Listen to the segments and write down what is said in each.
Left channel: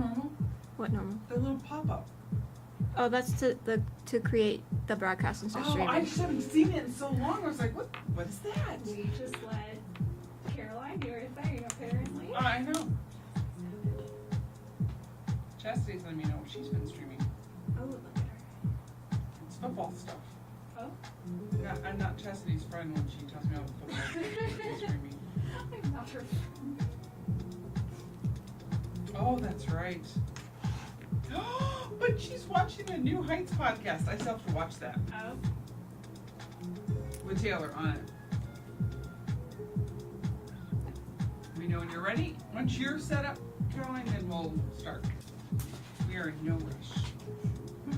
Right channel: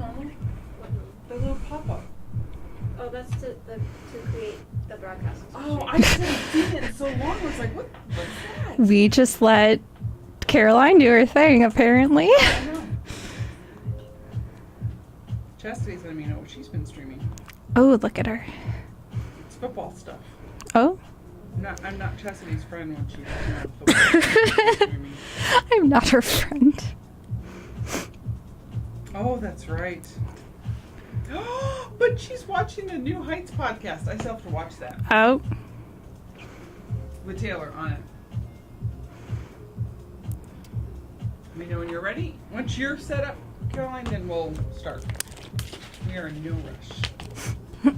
normal? What normal? The little pop-up. Oh, that's to create the broadcast and Oh, I haven't seen it in so long. I was like, what's that? We just let Caroline do her thing, apparently. I know. Chastity's letting me know what she's been streaming. Oh, look at her. It's football stuff. Oh. I'm not Chastity's friend when she's football streaming. I'm not her friend. Oh, that's right. But she's watching the New Heights podcast. I still have to watch that. Oh. With Taylor on it. Let me know when you're ready. Once you're set up, Caroline, then we'll start. We are in no rush.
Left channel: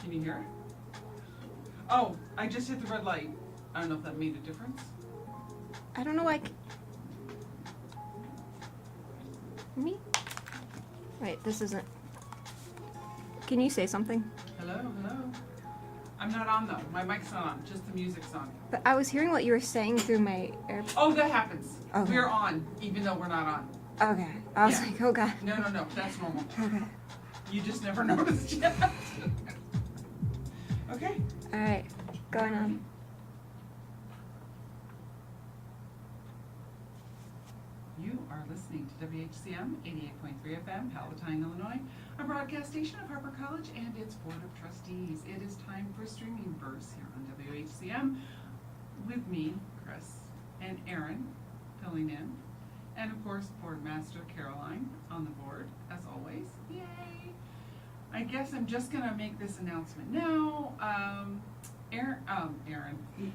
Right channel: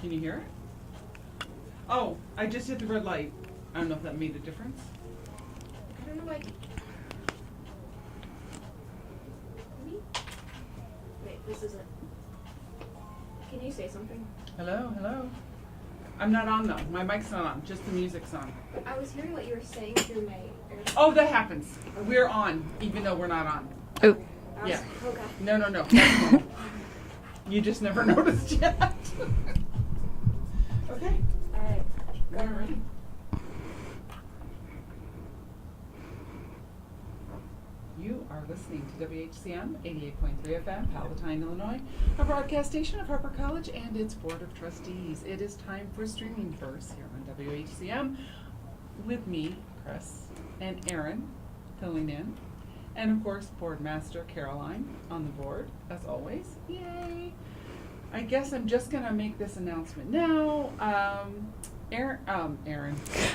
Can you hear it? Oh, I just hit the red light. I don't know if that made a difference. I don't know why. Me? Wait, this isn't. Can you say something? Hello, hello. I'm not on though. My mic's not on. Just the music's on. But I was hearing what you were saying through my AirPods. Oh, that happens. Okay. We're on, even though we're not on. Okay. I was Yeah. like, oh god. No. That's normal. You just never noticed yet. Okay. All right. Go Alright. on. You are listening to WHCM 88.3 FM, Palatine, Illinois, a broadcast station of Harper College and its Board of Trustees. It is time for Streaming Verse here on WHCM with me, Chris, and Aaron filling in. And of course, Board Master Caroline on the board, as always. Yay! I guess I'm just going to make this announcement now. Aaron.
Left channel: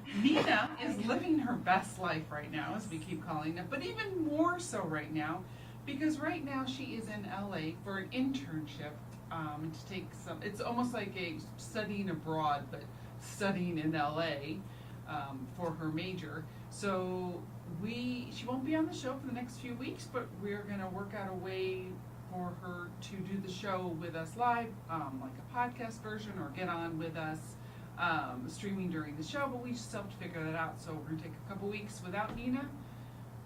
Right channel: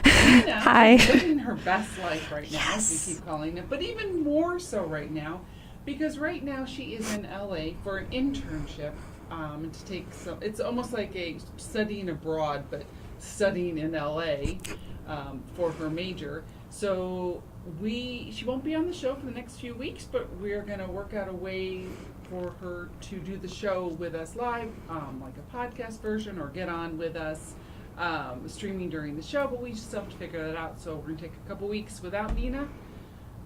Nina Hi. is living her best life right now, as Yes. we keep calling it, but even more so right now, because right now she is in LA for an internship to take some. It's almost like a studying abroad, but studying in LA for her major. So she won't be on the show for the next few weeks, but we're going to work out a way for her to do the show with us live, like a podcast version, or get on with us streaming during the show, but we still have to figure that out. So we're going to take a couple weeks without Nina.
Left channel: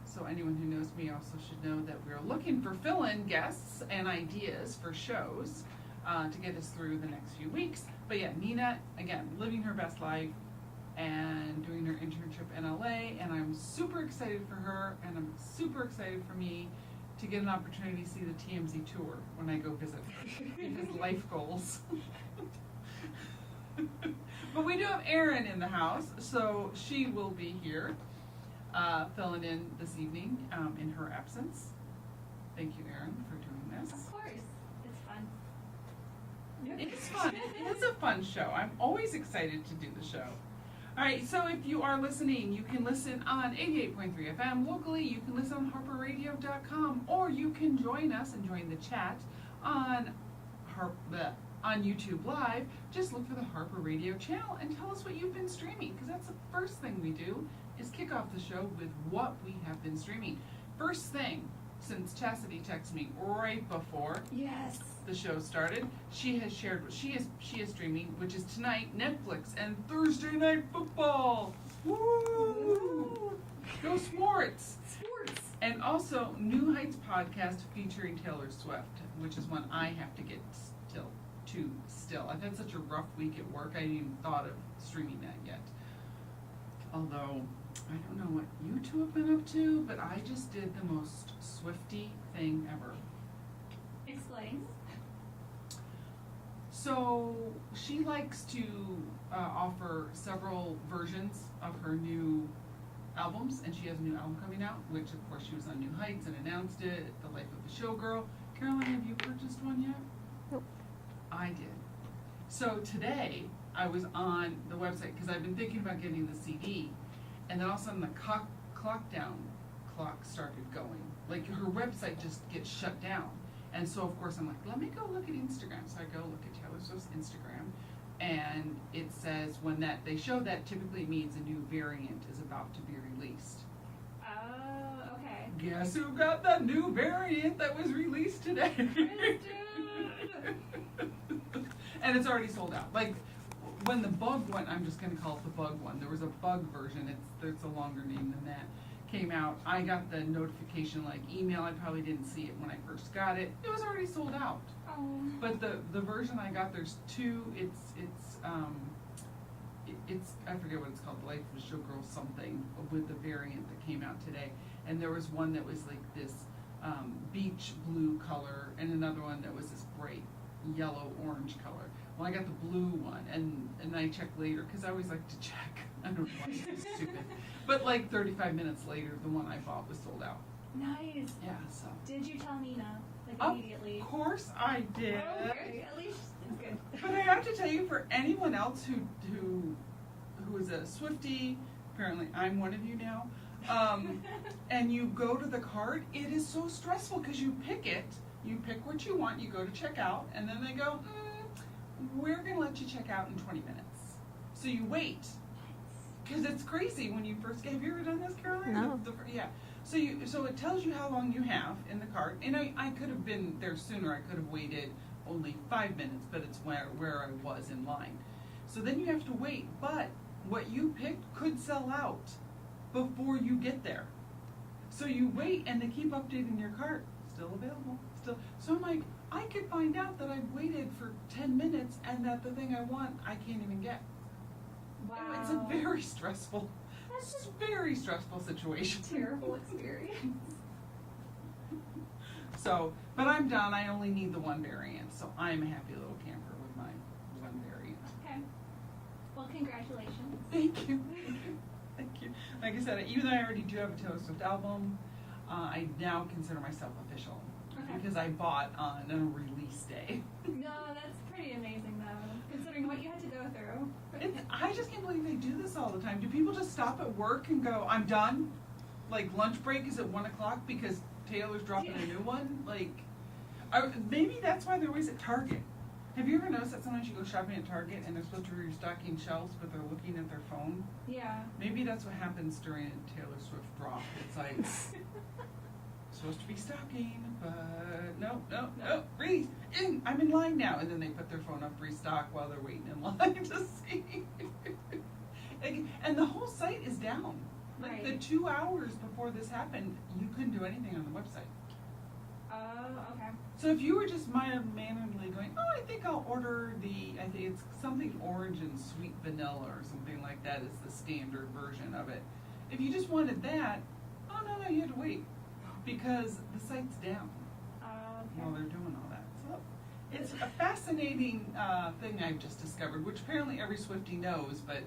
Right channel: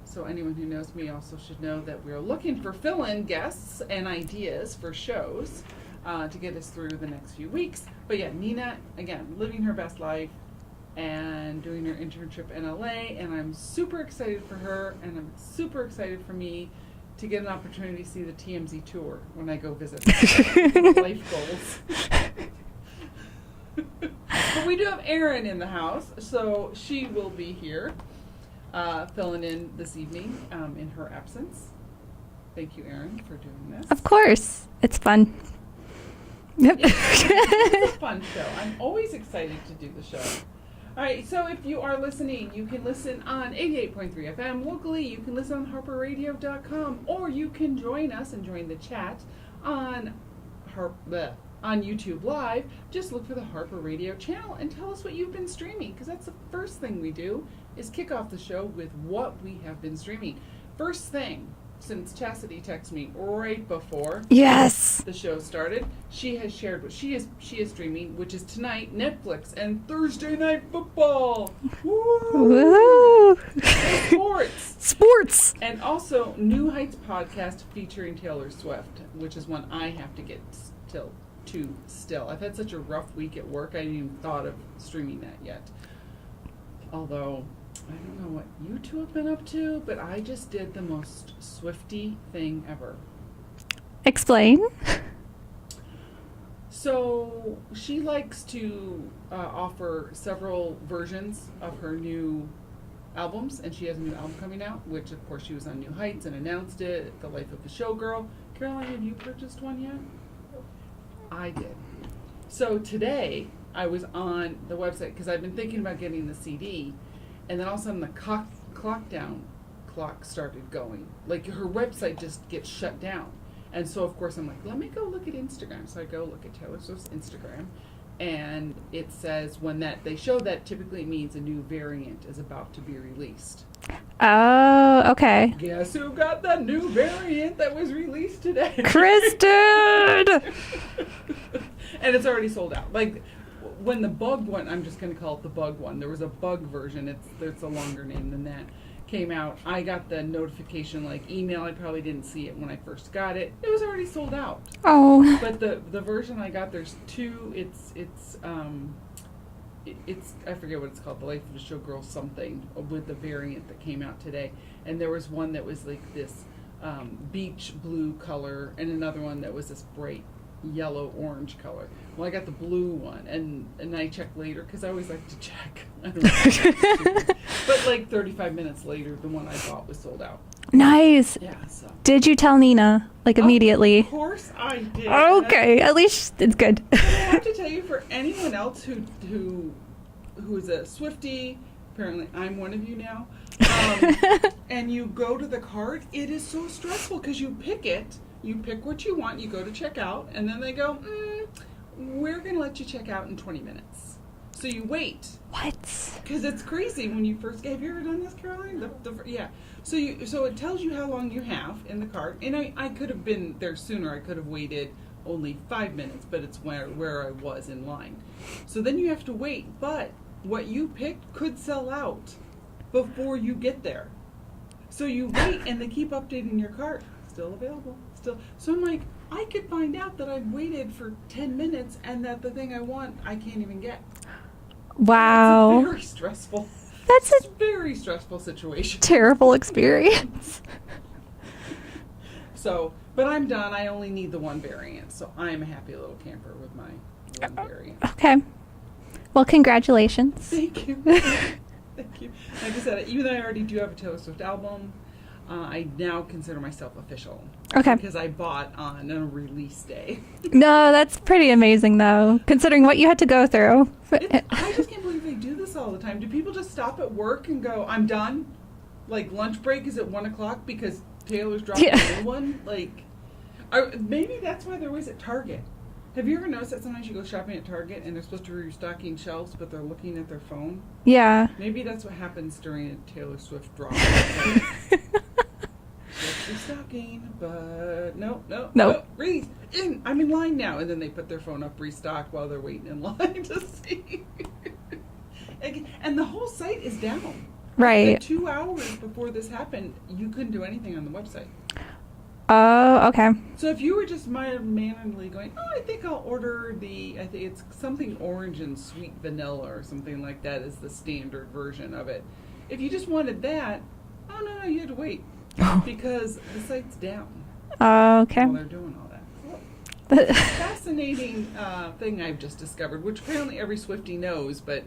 So anyone who knows me also should know that we're looking for fill-in guests and ideas for shows to get us through the next few weeks. But yeah, Nina, again, living her best life and doing her internship in LA, and I'm super excited for her, and I'm super excited for me to get an opportunity to see the TMZ tour when I go visit. Life goals. But we do have Erin in the house, so she will be here filling in this evening in her absence. Thank you, Erin, for doing this. Of course. It's fun. Yep. It's a fun show. I'm always excited to do the show. All right, so if you are listening, you can listen on 88.3 FM locally. You can listen on harperradio.com, or you can join us and join the chat on YouTube Live. Just look for the Harper Radio channel and tell us what you've been streaming, because that's the first thing we do, is kick off the show with what we have been streaming. First thing, since Chastity texted me right before Yes. the show started, she has shared what she is streaming, which is tonight Netflix and Thursday Night Football. Woo! Woo! Sports. Sports. And also New Heights podcast featuring Taylor Swift, which is one I have to get still. I've had such a rough week at work, I hadn't even thought of streaming that yet. Although I don't know what you two have been up to, but I just did the most Swifty thing ever. Explain. So she likes to offer several versions of her new albums, and she has a new album coming out, which of course she was on New Heights and announced it, The Life of a Showgirl. Caroline, have you purchased one yet? Nope. I did. So today I was on the website because I've been thinking about getting the CD, and then all of a sudden the clock started going. Like her website just gets shut down. And so of course I'm like, let me go look at Instagram. So I go look at Taylor Swift's Instagram, and it says when they show that, typically means a new variant is about to be released. Oh, okay. Guess who got the new variant that was released today? Kristen! And it's already sold out. Like, when the bug one, I'm just gonna call it the bug one, there was a bug version, it's a longer name than that, came out, I got the notification like email, I probably didn't see it when I first got it, it was already sold out. Oh. But the version I got, there's two, it's I forget what it's called, the Life of a Showgirl something, with the variant that came out today. And there was one that was like this beach blue color, and another one that was this bright yellow orange color. Well, I got the blue one, and I checked later, because I always like to check. I don't know. But like 35 minutes later, the one I bought was sold out. Nice. Yeah, so. Did you tell Nina, like, immediately? Of course I did. Okay, at least it's good. I have to tell you, for anyone else who is a Swiftie, apparently I'm one of you now, and you go to the cart, it is so stressful because you pick what you want, you go to check out, and then they go, we're going to let you check out in 20 minutes. So you wait. What? Because it's crazy when you first, have you ever done this, Caroline? No. Yeah. So it tells you how long you have in the cart, and I could have been there sooner. I could have waited only 5 minutes, but it's where I was in line. So then you have to wait, but what you picked could sell out before you get there. So you wait, and they keep updating your cart. Still available. Still. So I'm like, I could find out that I've waited for 10 minutes and that the thing I want I can't even get. Wow. It's very stressful. That's It's a a very stressful situation. terrible experience. So, but I'm done. I only need the one variant, so I'm a happy little camper with my one variant. Okay. Well, congratulations. Thank you. Thank you. Like I said, even though I already do have a Taylor Swift album, I now consider myself official. Okay. Because I bought on a release day. No, that's pretty amazing, though, considering what you had to go through. I just can't believe they do this all the time. Do people just stop at work and go, I'm done? Like, lunch break is at 1 o'clock because Taylor's dropping Yeah. a new one? Like, maybe that's why they're always at Target. Have you ever noticed that sometimes you go shopping at Target and they're supposed to be restocking shelves, but they're looking at their phone? Yeah. Maybe that's what happens during a Taylor Swift drop. It's restocking, but no. I'm in line now, and then they put their phone up, restock while they're waiting in line to see. And the whole site is down. Right. The 2 hours before this happened, you couldn't do anything on the website. Oh, okay. So if you were just manually going, I think I'll order I think it's something orange and sweet vanilla or something like that is the standard version of it. If you just wanted that, no, you had to wait because the site's down Okay. while they're doing all that. So, it's a fascinating thing I've just discovered, which apparently every Swiftie knows, but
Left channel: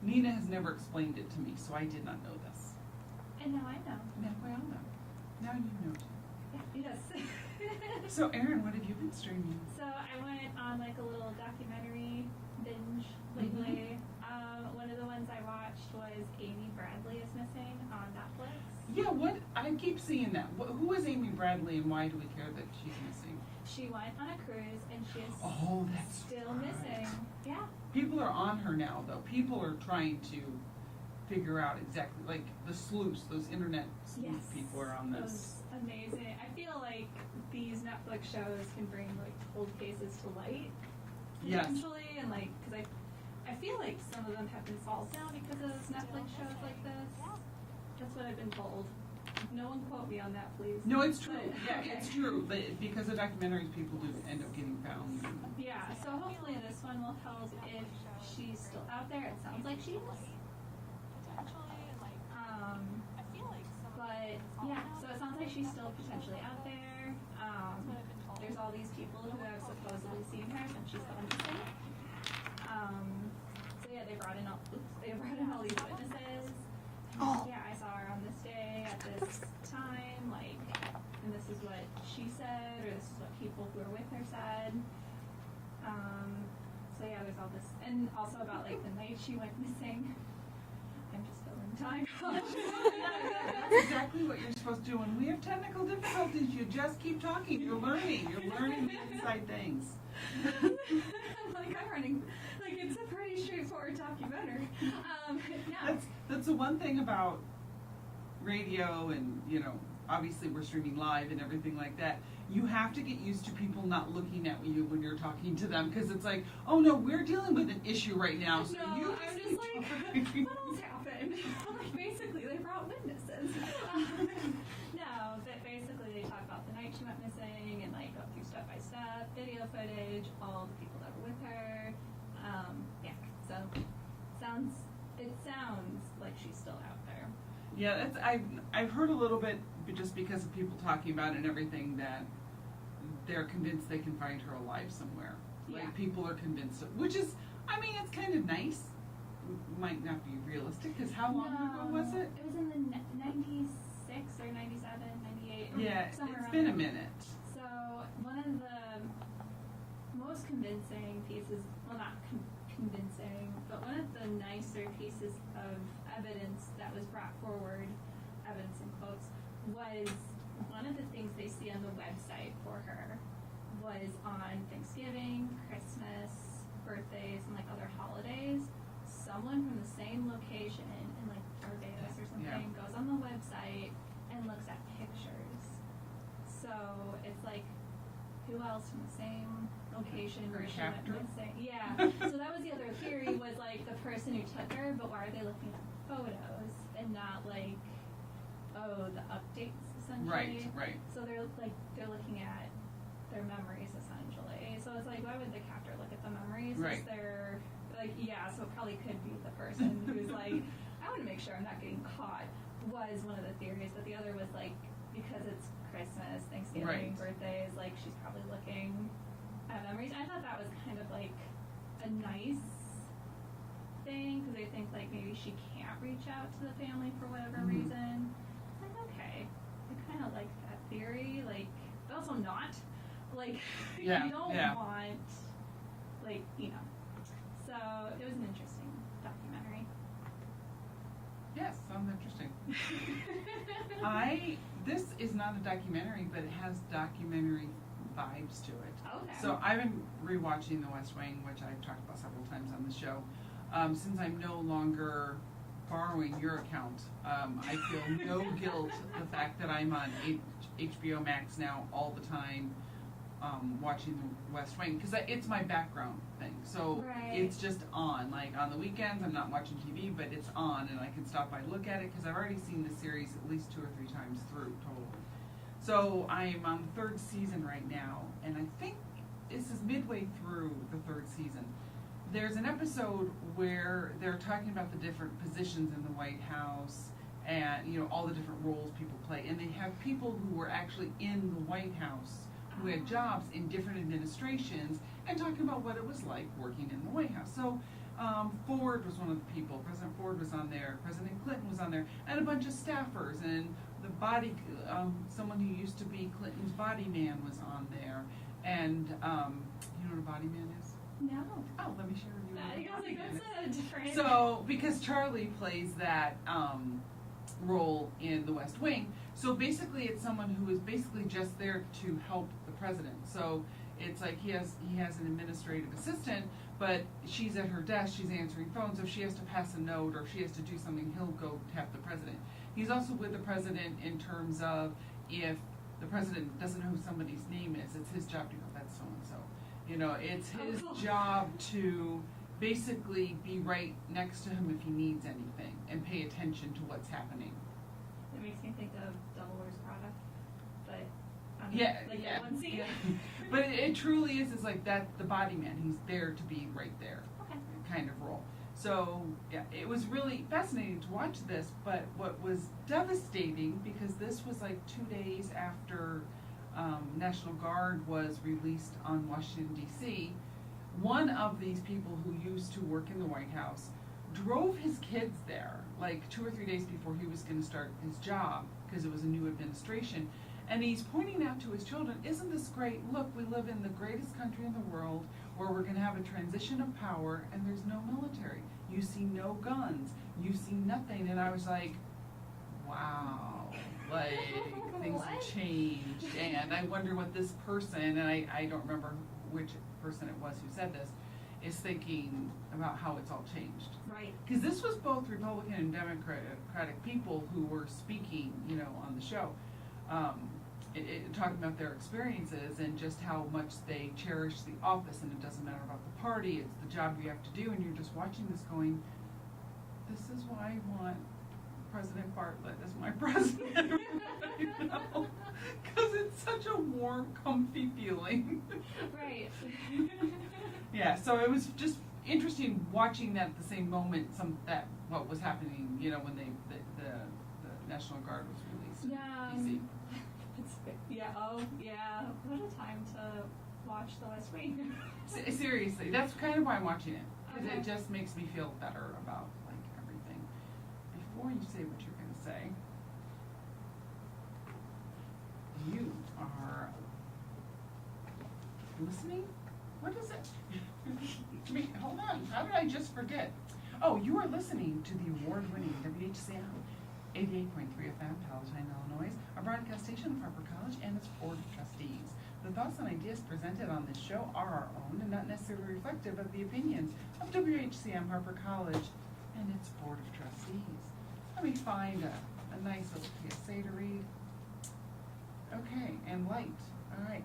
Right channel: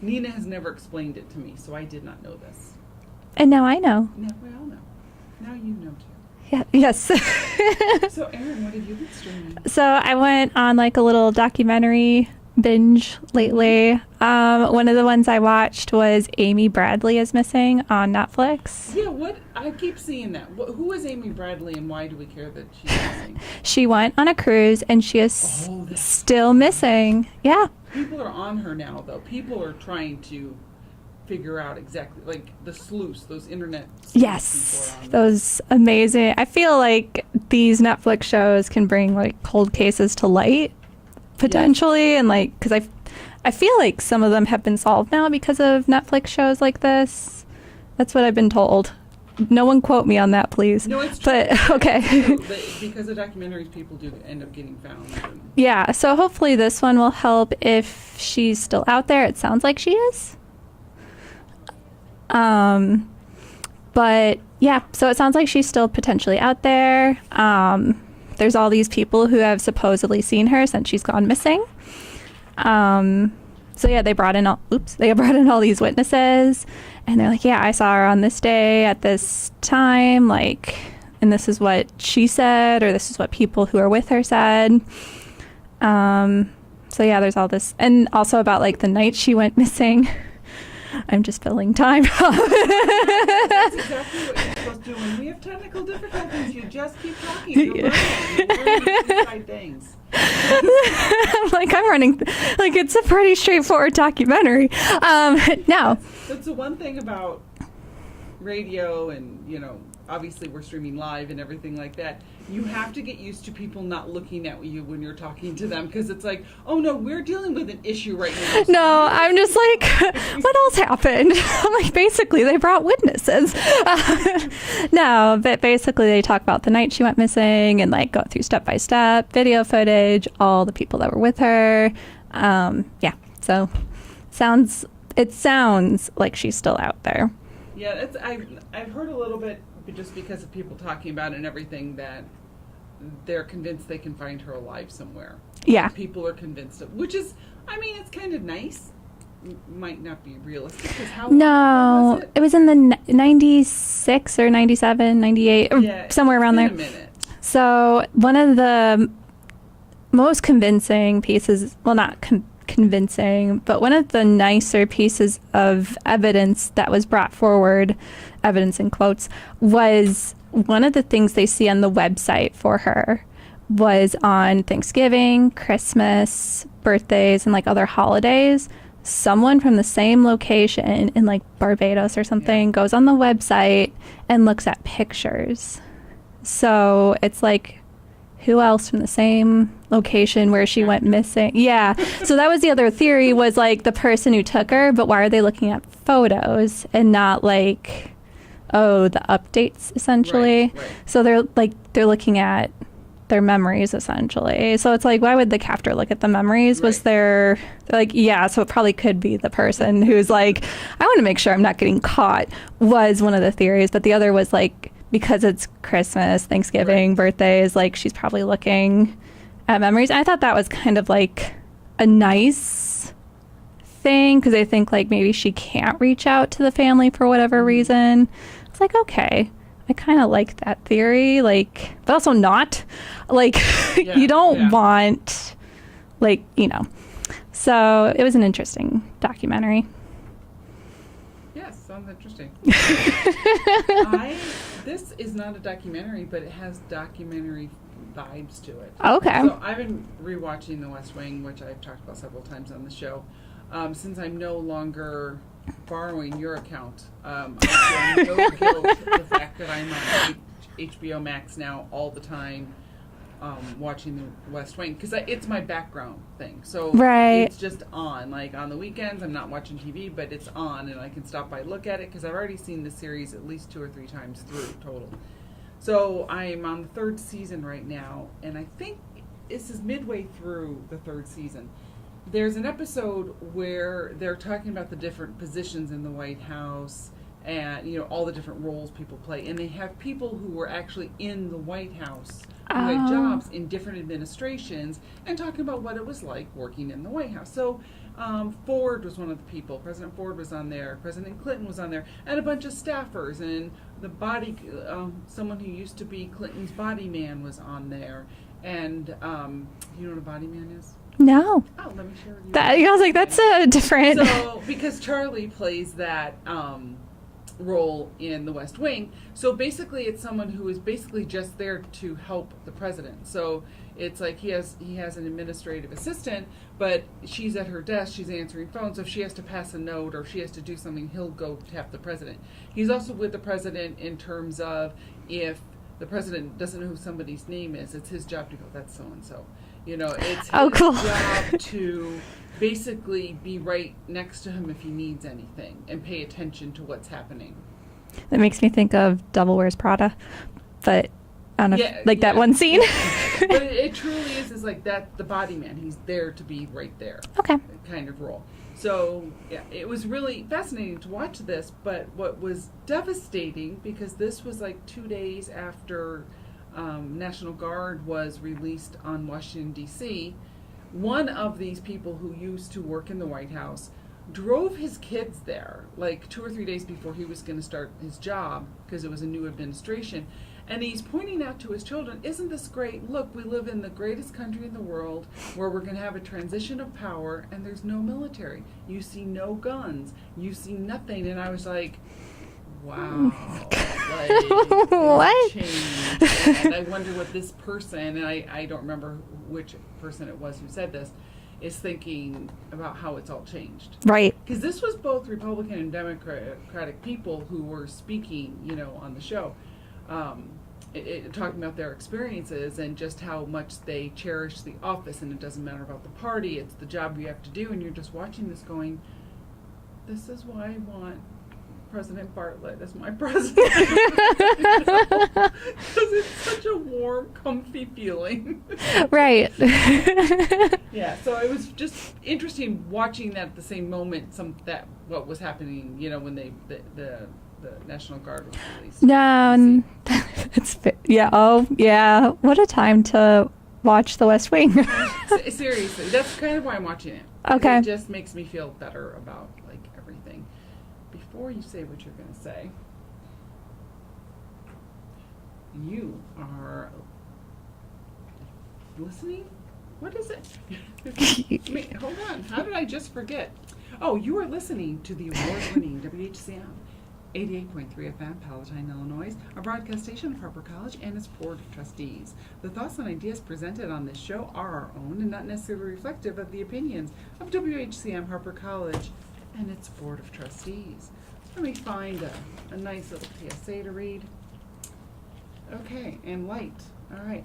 Nina has never explained it to me, so I did not know this. And now I know. Now we all know. Now you know too. Yeah. Yes. So, Erin, what have you been streaming? So I went on like a little documentary binge lately. One of the ones I watched was Amy Bradley is Missing on Netflix. Yeah, what? I keep seeing that. Who is Amy Bradley, and why do we care that she's missing? She went on a cruise and she is Oh, that's still missing. Yeah. People are on her now, though. People are trying to figure out exactly, like the sleuths, those internet sleuths. Yes. People are on Those amazing. I feel like these Netflix shows can bring like cold cases to light potentially, and like because I feel like some of them have been solved now because of Netflix shows like this. That's what I've been told. No one quote me on that, please. No, it's true. But okay. It's true, but because of documentaries, people do end up getting found. Yeah, so hopefully this one will help if she's still out there. It sounds like she is. But yeah, so it sounds like she's still potentially out there. There's all these people who have supposedly seen her since she's gone missing. So yeah, they brought in all these witnesses, and they're like, yeah, I saw her on this day at this time, like, and this is what she said, or this is what people who are with her said. So yeah, there's all this, and also about like the night she went missing. I'm just filling time. That's exactly what you're supposed to do. When we have technical difficulties, you just keep talking. You're learning inside things. I'm running, like, it's a pretty straightforward documentary. Now. That's the one thing about radio and, obviously we're streaming live and everything like that, you have to get used to people not looking at you when you're talking to them, because it's like, oh no, we're dealing with an issue right now. No, I'm just like, what else happened? I'm like, basically, they brought witnesses. No, but basically, they talk about the night she went missing and like go through step by step video footage, all the people that were with her. Yeah, so it sounds like she's still out there. Yeah, I've heard a little bit, just because of people talking about it and everything, that they're convinced they can find her alive somewhere. Yeah. People are convinced of, which is, it's kind of nice. Might not be realistic. 'Cause how long No, was it? it was in the 96 or 97, 98, or Yeah, somewhere around it's there. been a minute. So one of the most convincing pieces, well, not convincing, but one of the nicer pieces of evidence that was brought forward, evidence in quotes, was one of the things they see on the website for her was on Thanksgiving, Christmas, birthdays, and like other holidays. Someone from the same location in like Barbados or something goes on the website and looks at pictures. So it's like, who else from the same location where she went missing? Yeah. So that was the other theory, was like the person who took her, but why are they looking at photos and not like, the updates essentially? Right. So they're looking at their memories essentially. So it's like, why would the captor look at the memories? Was Right. there like, yeah, so it probably could be the person who's like, I want to make sure I'm not getting caught, was one of the theories. But the other was like, because it's Christmas, Thanksgiving, Right. birthdays, like she's probably looking at memories. I thought that was kind of like a nice thing, because I think like maybe she can't reach out to the family for whatever reason. It's like, okay, I kind of like that theory, like, but also not. Like, Yeah, you don't yeah. want, like, So it was an interesting documentary. Yes, sounds interesting. This is not a documentary, but it has documentary vibes to it. Okay. So I've been rewatching The West Wing, which I've talked about several times on the show. Since I'm no longer borrowing your account, I feel no guilt the fact that I'm on HBO Max now all the time, watching The West Wing, because it's my background thing. So Right. it's just on. Like on the weekends, I'm not watching TV, but it's on, and I can stop by, look at it, because I've already seen the series at least 2 or 3 times through total. So I'm on the 3rd season right now, and I think this is midway through the 3rd season. There's an episode where they're talking about the different positions in the White House and, all the different roles people play. And they have people who were actually in the White House who had Oh. jobs in different administrations and talking about what it was like working in the White House. So Ford was one of the people. President Ford was on there. President Clinton was on there. And a bunch of staffers. And the someone who used to be Clinton's body man was on there. And you know what a body man is? No. Oh, let me show you. I was like, that's a different. So, because Charlie plays that role in The West Wing, so basically it's someone who is basically just there to help the president. So it's like he has an administrative assistant, but she's at her desk, she's answering phones, so if she has to pass a note or if she has to do something, he'll go tap the president. He's also with the president in terms of if the president doesn't know who somebody's name is, it's his job to go, that's so-and-so. It's his Oh, cool. job to basically be right next to him if he needs anything and pay attention to what's happening. That makes me think of Devil Wears Prada, but I don't know, Yeah, like that yeah. one scene. But it truly is like that, the body man. He's there to be right there. Okay. Kind of role. So, yeah, it was really fascinating to watch this, but what was devastating, because this was like 2 days after National Guard was released on Washington, D.C., one of these people who used to work in the White House drove his kids there like 2 or 3 days before he was going to start his job, because it was a new administration. And he's pointing out to his children, isn't this great? Look, we live in the greatest country in the world where we're going to have a transition of power and there's no military. You see no guns. You see nothing. And I was like, wow. Like, What? changed. And I wonder what this person, and I don't remember which person it was who said this, is thinking about how it's all changed. Right. Because this was both Republican and Democratic people who were speaking, you know, on the show, talking about their experiences and just how much they cherish the office, and it doesn't matter about the party, it's the job you have to do, and you're just watching this going, this is why I want President Bartlett as my president. Because it's such a warm, comfy feeling. Right. Yeah, so it was just interesting watching that at the same moment. What was happening, you know, when the National Guard was released. No, yeah. Oh, yeah. What a time to watch The West Wing. Seriously, that's kind of why I'm watching it. Okay. It just makes me feel better about like everything. Before you say what you're going to say, you are listening? What is it? Hold on. How did I just forget? Oh, you are listening to the award-winning WHCM 88.3 FM, Palatine, Illinois, a broadcast station of Harper College and its Board of Trustees. The thoughts and ideas presented on this show are our own and not necessarily reflective of the opinions of WHCM Harper College and its Board of Trustees. Let me find a nice little PSA to read. Okay, and light. All right.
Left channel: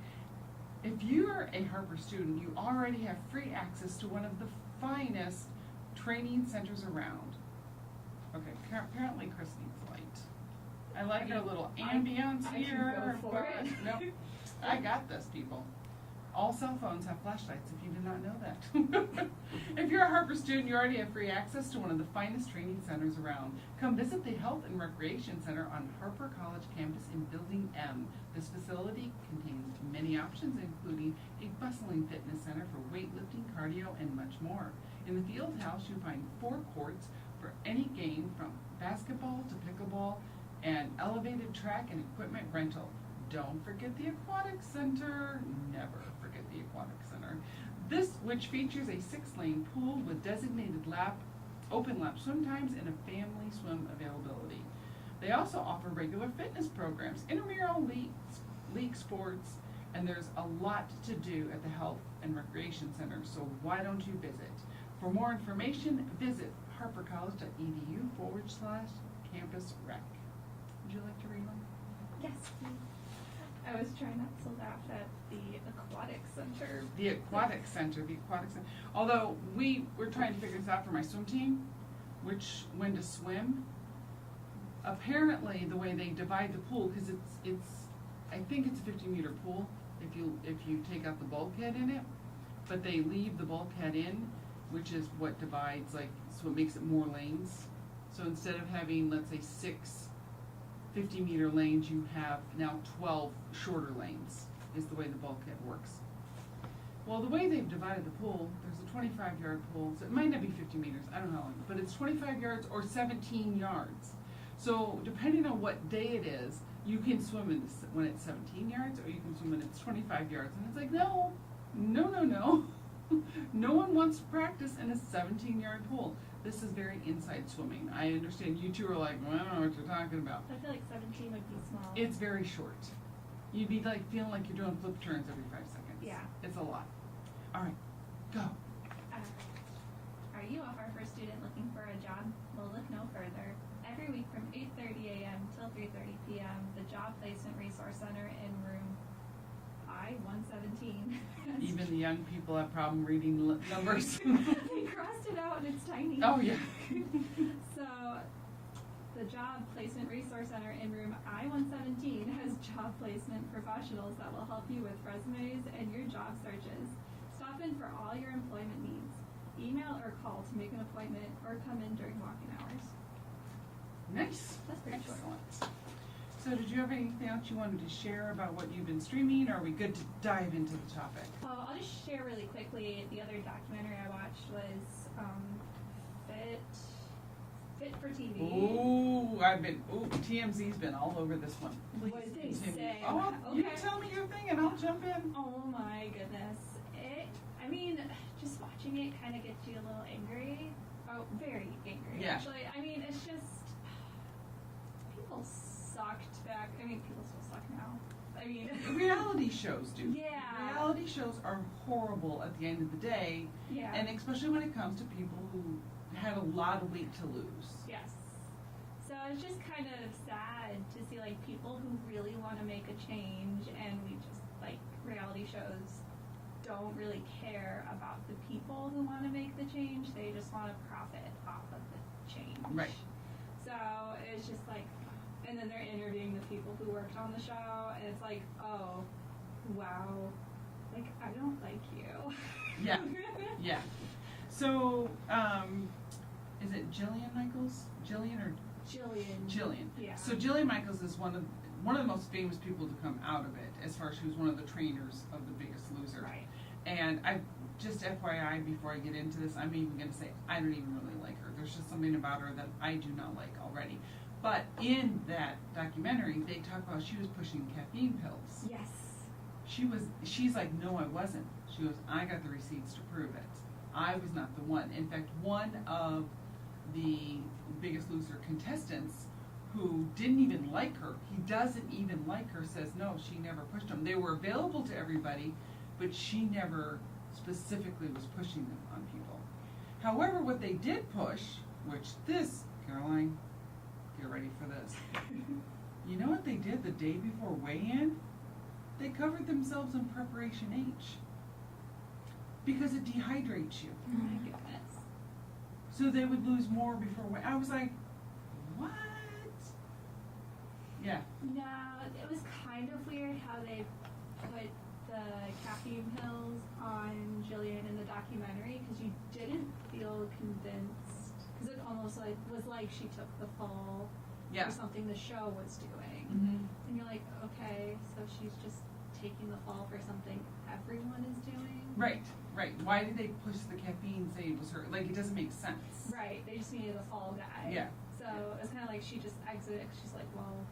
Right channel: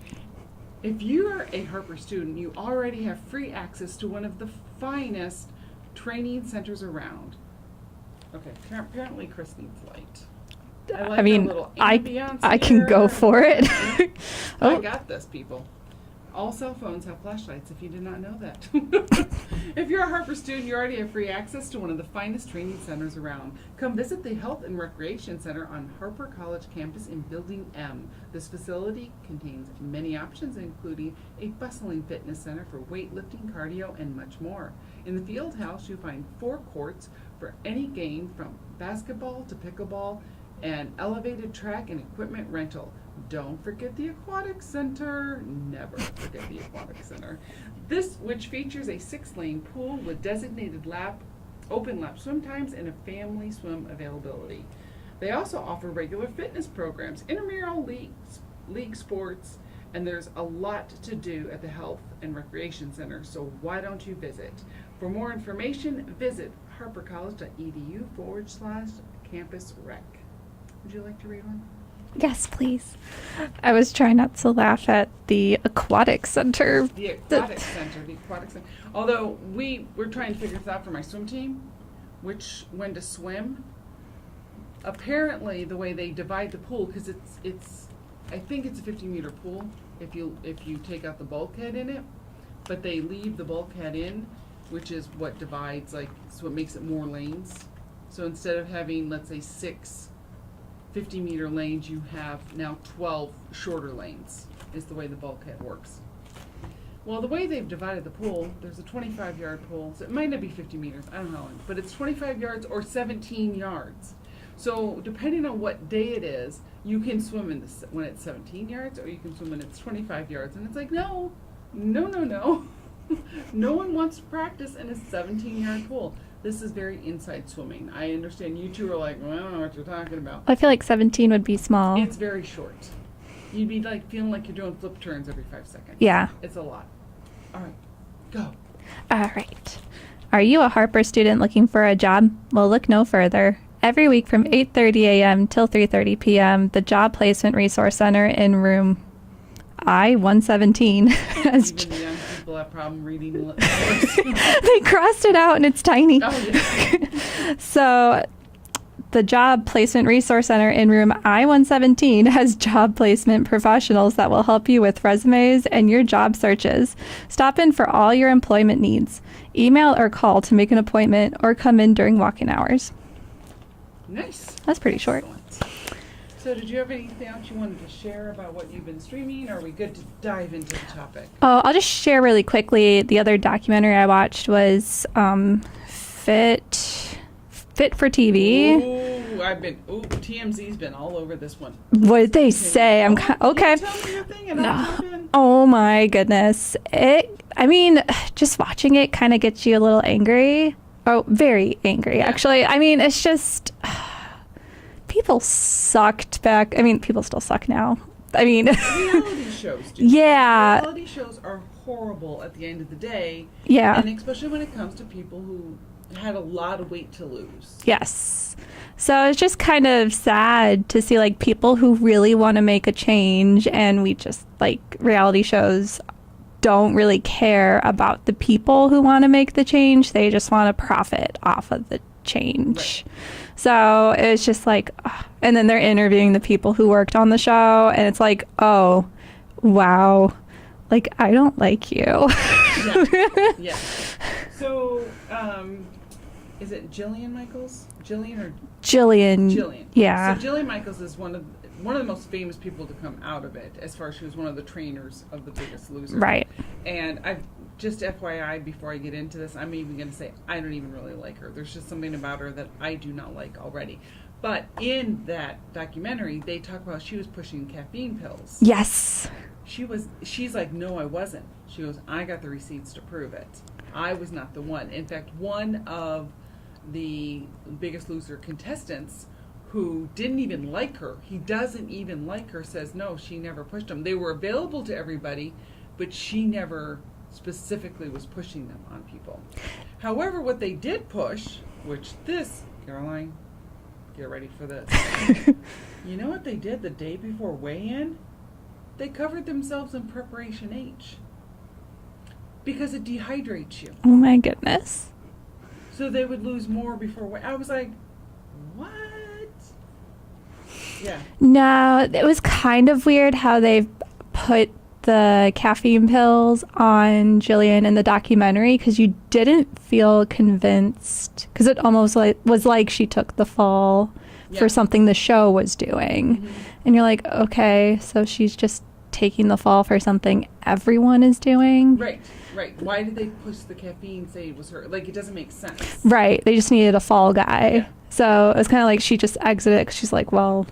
If you are a Harper student, you already have free access to one of the finest training centers around. Okay, apparently Chris needs light. I like I mean, the little I ambiance can go here. for it. I Oh. got this, people. All cell phones have flashlights, if you did not know that. If you're a Harper student, you already have free access to one of the finest training centers around. Come visit the Health and Recreation Center on Harper College campus in Building M. This facility contains many options, including a bustling fitness center for weightlifting, cardio, and much more. In the field house, you find 4 courts for any game from basketball to pickleball and elevated track and equipment rental. Don't forget the Aquatic Center. Never forget the Aquatic Center. This, which features a 6-lane pool with designated open lap swim times and a family swim availability. They also offer regular fitness programs, intramural league sports, and there's a lot to do at the Health and Recreation Center, so why don't you visit? For more information, visit harpercollege.edu/campus-rec. Would you like to read one? Yes, please. I was trying not to laugh at the aquatic center. The Aquatic Center. Although we're trying to figure this out for my swim team, when to swim. Apparently, the way they divide the pool, because I think it's a 50-meter pool if you take out the bulkhead in it, but they leave the bulkhead in, which is what divides, so it makes it more lanes. So instead of having, let's say, 6 50-meter lanes, you have now 12 shorter lanes, is the way the bulkhead works. Well, the way they've divided the pool, there's a 25-yard pool, so it might not be 50 meters, I don't know, but it's 25 yards or 17 yards. So depending on what day it is, you can swim when it's 17 yards, or you can swim when it's 25 yards, and it's like, no. No one wants to practice in a 17-yard pool. This is very inside swimming. I understand you two are like, well, I don't know what you're talking about. I feel like 17 would be small. It's very short. You'd be feeling like you're doing flip turns every 5 seconds. Yeah. It's a lot. All right, go. All right. Are you a Harper student looking for a job? Well, look no further. Every week from 8:30 a.m. till 3:30 p.m., the Job Placement Resource Center in room I-117 has Even the young people have problem reading the letters. they crossed it out and it's tiny. Oh, yeah. So the Job Placement Resource Center in room I-117 has job placement professionals that will help you with resumes and your job searches. Stop in for all your employment needs. Email or call to make an appointment or come in during walk-in hours. Nice. That's pretty short. Excellent. So did you have anything else you wanted to share about what you've been streaming, or are we good to dive into the topic? Oh, I'll just share really quickly. The other documentary I watched was Fit for TV. TMZ's been all over this one. What did they say? I'm okay. Tell me your thing and I'll jump in. Oh my goodness. Just watching it kind of gets you a little angry. Oh, very angry, actually. I mean, it's just, people sucked back. I mean, people still suck now. I mean, Reality shows do. Yeah. Reality shows are horrible at the end of the day. yeah. And especially when it comes to people who had a lot of weight to lose. Yes. So it's just kind of sad to see like people who really want to make a change, and we just like reality shows don't really care about the people who want to make the change. They just want to profit off of the change. Right. So it's just like, ugh. And then they're interviewing the people who worked on the show, and it's like, oh, wow, like I don't like you. Yeah. Yeah. So, is it Jillian Michaels? Jillian or Jillian. Jillian? Yeah. So Jillian Michaels is one of the most famous people to come out of it, as far as she was one of the trainers of The Biggest Loser. Right. And I just FYI, before I get into this, I'm even going to say I don't even really like her. There's just something about her that I do not like already. But in that documentary, they talk about she was pushing caffeine pills. Yes. She's like, no, I wasn't. She goes, I got the receipts to prove it. I was not the one. In fact, one of the Biggest Loser contestants who didn't even like her, he doesn't even like her, says no, she never pushed them. They were available to everybody, but she never specifically was pushing them on people. However, what they did push, which this, Caroline, get ready for this. You know what they did the day before weigh-in? They covered themselves in Preparation H. Because it dehydrates you. Oh my goodness. So they would lose more before weigh. I was like, what? Yeah. No, it was kind of weird how they put the caffeine pills on Jillian in the documentary, because you didn't feel convinced, because it almost was like she took the fall Yeah. for something the show was doing. Mhm. And you're like, okay, so she's just taking the fall for something everyone is doing. Right, right. Why did they push the caffeine, say it was her? Like, it doesn't make sense. Right. They just needed a fall guy. Yeah. So it was kind of like she just exited because she's like, well,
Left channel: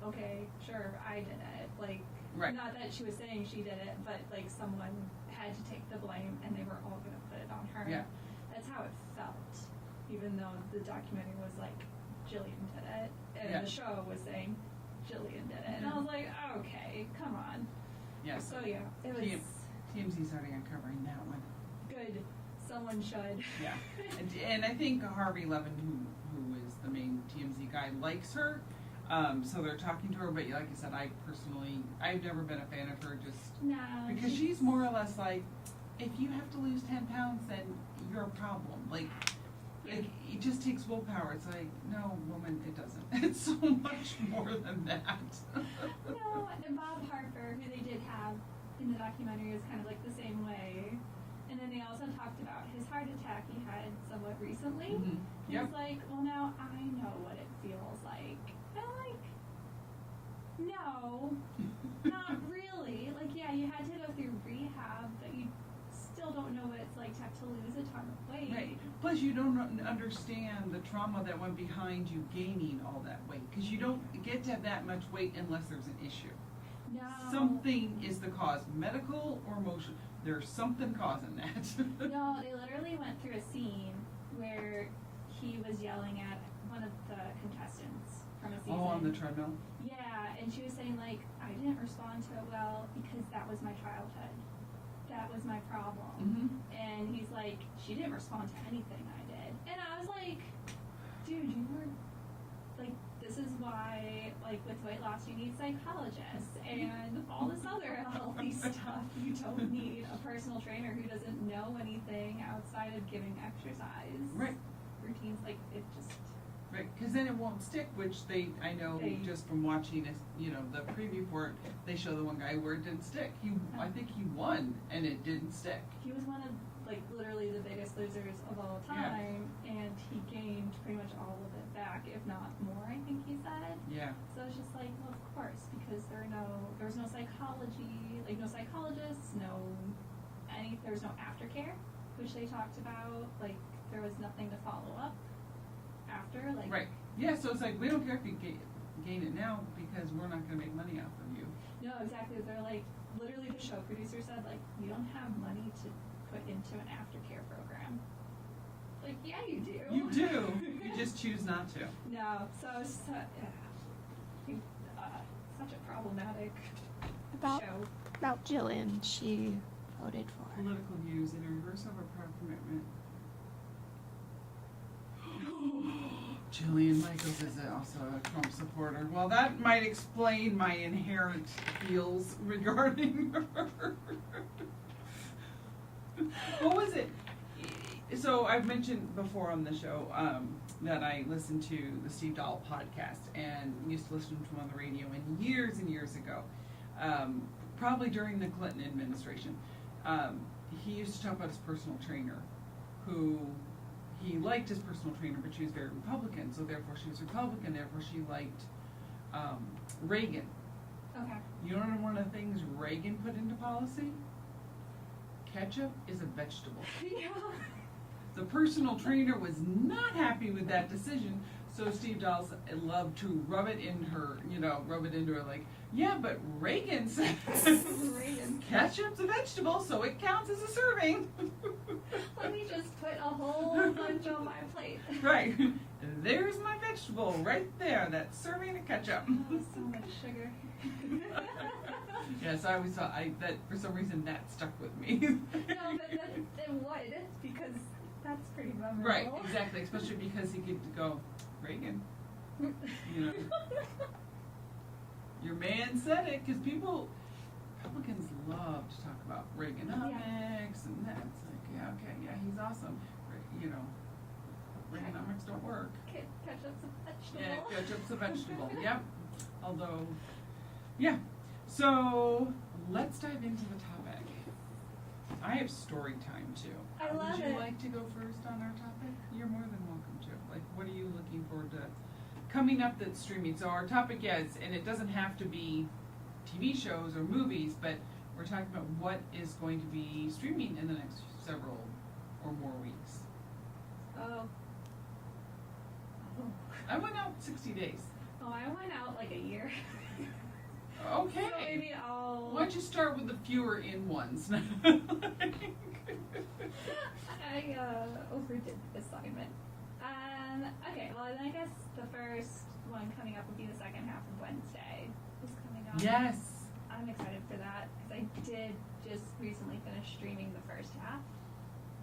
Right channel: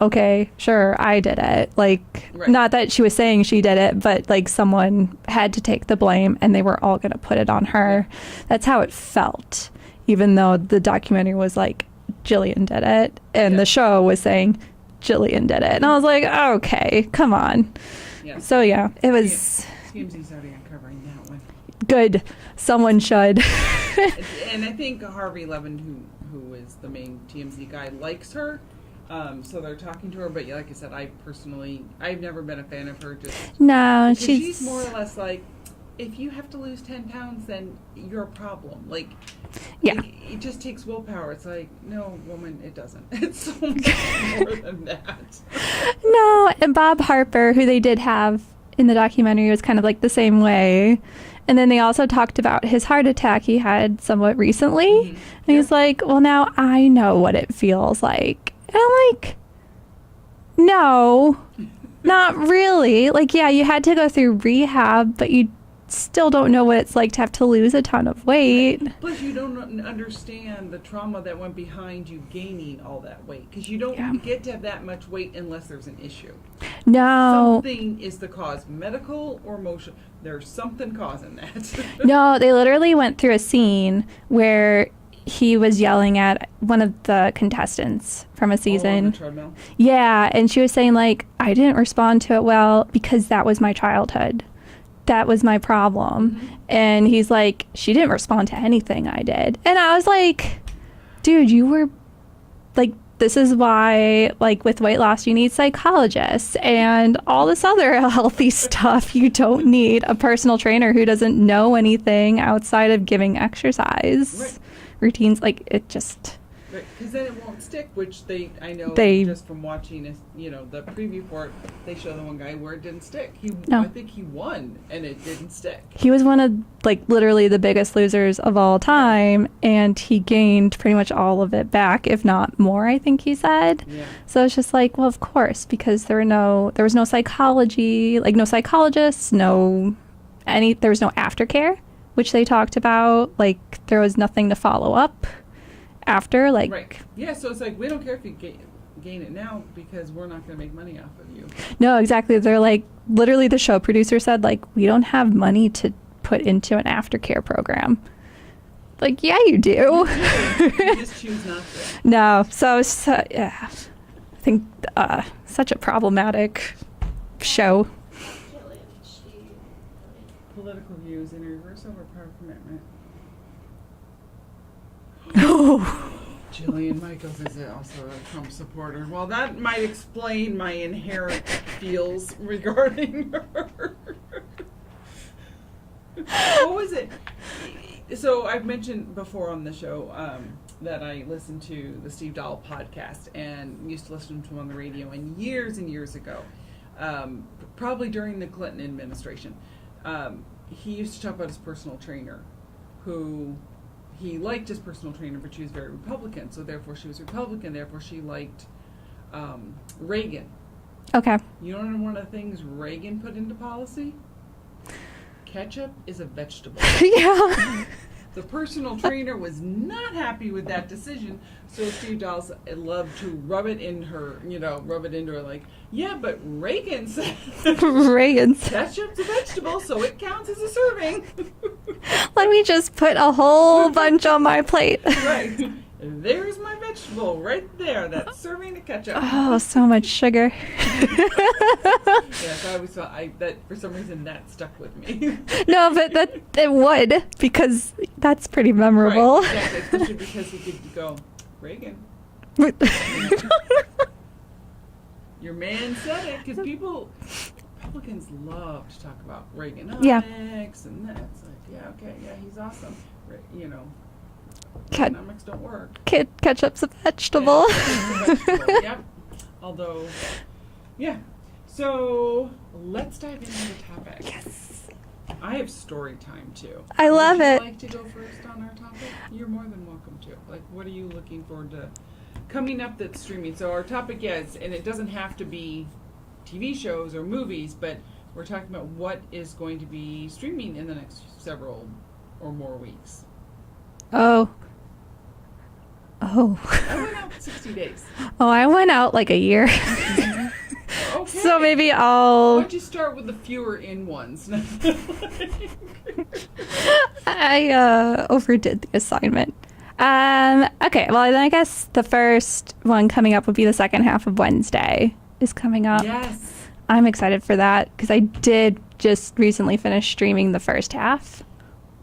okay, sure, I did it. Like, Right. not that she was saying she did it, but like someone had to take the blame and they were all going to put it on her. That's how it felt, even though the documentary was like, Jillian did it. And Yeah. the show was saying, Jillian did it. And I was like, okay, come on. Yeah. So yeah, it was TMZ's already uncovering that one. good. Someone should. And I think Harvey Levin, who is the main TMZ guy, likes her. So they're talking to her, but like I said, I've never been a fan of her. Just No, because she's more or less like, if you have to lose 10 pounds, then you're a problem. Like, Yeah. it just takes willpower. It's like, no, woman, it doesn't. It's so much more than that. No, and Bob Harper, who they did have in the documentary, was kind of like the same way. And then they also talked about his heart attack he had somewhat recently. Mhm. And he's like, well, now I know what it feels like. And I'm like, no, not really. Like, yeah, you had to go through rehab, but you still don't know what it's like to have to lose a ton of weight. Plus, you don't understand the trauma that went behind you gaining all that weight, because you don't Yeah. get to have that much weight unless there's an issue. No. Something is the cause, medical or emotional. There's something causing that. No, they literally went through a scene where he was yelling at one of the contestants from a Oh, on season. the treadmill. Yeah, and she was saying like, I didn't respond to it well because that was my childhood. That was my problem. Mhm. And he's like, she didn't respond to anything I did. And I was like, dude, you were like, this is why, like, with weight loss, you need psychologists and all this other healthy stuff. You don't need a personal trainer who doesn't know anything outside of giving exercise Right. routines. Like, it just, Because then it won't stick, which I know They- just from watching, the preview for it, they show the one guy where it didn't stick. No. I think he won, and it didn't stick. he was one of, like, literally the biggest losers of all time. And he gained pretty much all of it back, if not more, I think he said. Yeah. So it's just like, well, of course, because there was no psychology, like no psychologists, there was no aftercare, which they talked about. Like, there was nothing to follow up after, like, Right. Yeah, so it's like, we don't care if you gain it now, because we're not going to make money off of you. no, exactly. They're like, literally the show producer said, like, we don't have money to put into an aftercare program. Like, yeah, you do. You just choose not to. No, so yeah, I think such a problematic show. About Jillian, she voted for. Political views in reverse over power commitment. Oh. Jillian Michaels is also a Trump supporter. Well, that might explain my inherent feels regarding her. What was it? So I've mentioned before on the show that I listened to the Steve Dahl podcast and used to listen to him on the radio, and years ago, probably during the Clinton administration, he used to talk about his personal trainer, who he liked his personal trainer, but she was very Republican, so therefore she was Republican, therefore she liked Reagan. Okay. You know one of the things Reagan put into policy? Ketchup is a vegetable. Yeah. The personal trainer was not happy with that decision, so Steve Dahl loved to rub it into her like, yeah, but Reagan said Reagan's. ketchup's a vegetable, so it counts as a serving. Let me just put a whole bunch on my plate. Right. There's my vegetable right there. That's serving of ketchup. Oh, so much sugar. Yes, I always thought that for some reason that stuck with me. No, but it would, because that's pretty memorable. Right, exactly, especially because he could go, Reagan. Your man said it, because Republicans love to talk about Reaganomics, Yeah. and that's like, yeah, okay, yeah, he's awesome. Ket- Reaganomics don't work. Ketchup's a vegetable. Yeah, it's a vegetable, yep. Although, yeah. So let's dive into the topic. Yes. I have story time too. I love Would you it. like to go first on our topic? You're more than welcome to. Like, what are you looking forward to coming up that's streaming? So our topic is, and it doesn't have to be TV shows or movies, but we're talking about what is going to be streaming in the next several or more weeks. Oh. I went out 60 days. Oh, I went out like a year. Okay. So maybe Why I'll. don't you start with the fewer in ones? I overdid the assignment. Okay, well, then I guess the first one coming up would be the second half of Wednesday is coming up. Yes. I'm excited for that because I did just recently finish streaming the first half.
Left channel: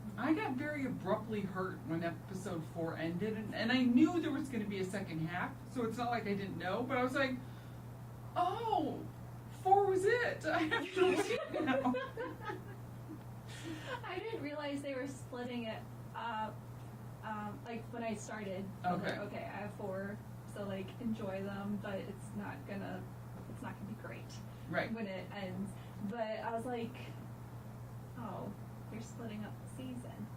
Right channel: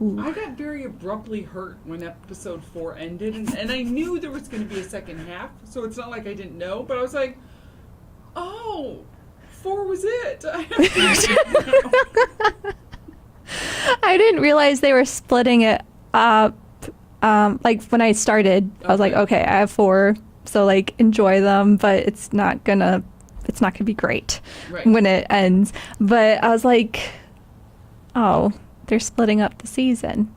Ooh. I got very abruptly hurt when episode 4 ended, and I knew there was going to be a second half, so it's not like I didn't know, but I was like, oh, 4 was it. I didn't realize they were splitting it up. Like when I started, I was like, okay, I have 4, so like enjoy them, but it's not gonna be great Right. when it ends. But I was like, oh, they're splitting up the season.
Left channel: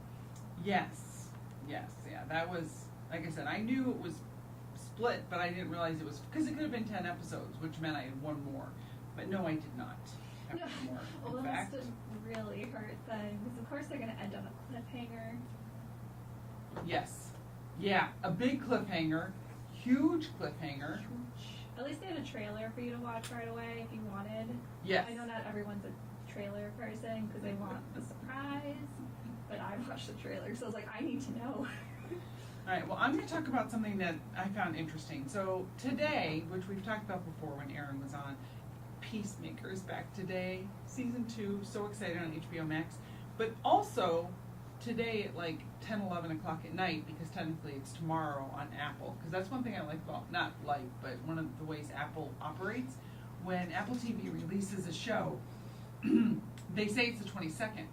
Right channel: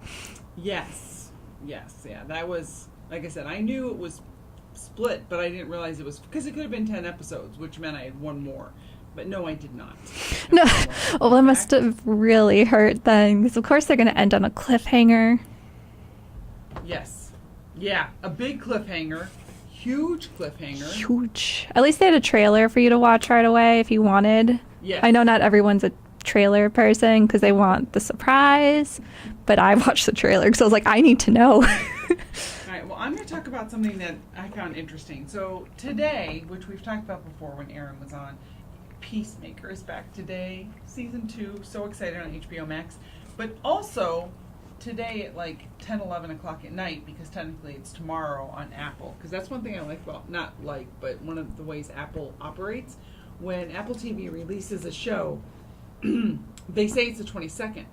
Yes, yeah, that was, like I said, I knew it was split, but I didn't realize it was, because it could have been 10 episodes, which meant I had one more. But no, I did not. No, well, that must have really hurt then, because of course they're gonna end on a cliffhanger. Yes. Yeah, a big cliffhanger. Huge cliffhanger. Huge. At least they had a trailer for you to watch right away if you wanted. Yes. I know not everyone's a trailer person because they want the surprise, but I watched the trailer because I was like, I need to know. All right, well, I'm going to talk about something that I found interesting. So today, which we've talked about before when Aaron was on, Peacemaker is back today, season 2. So excited on HBO Max. But also today at like 10, 11 o'clock at night, because technically it's tomorrow on Apple. Because that's one thing I like about, not like, but one of the ways Apple operates. When Apple TV releases a show, they say it's the 22nd.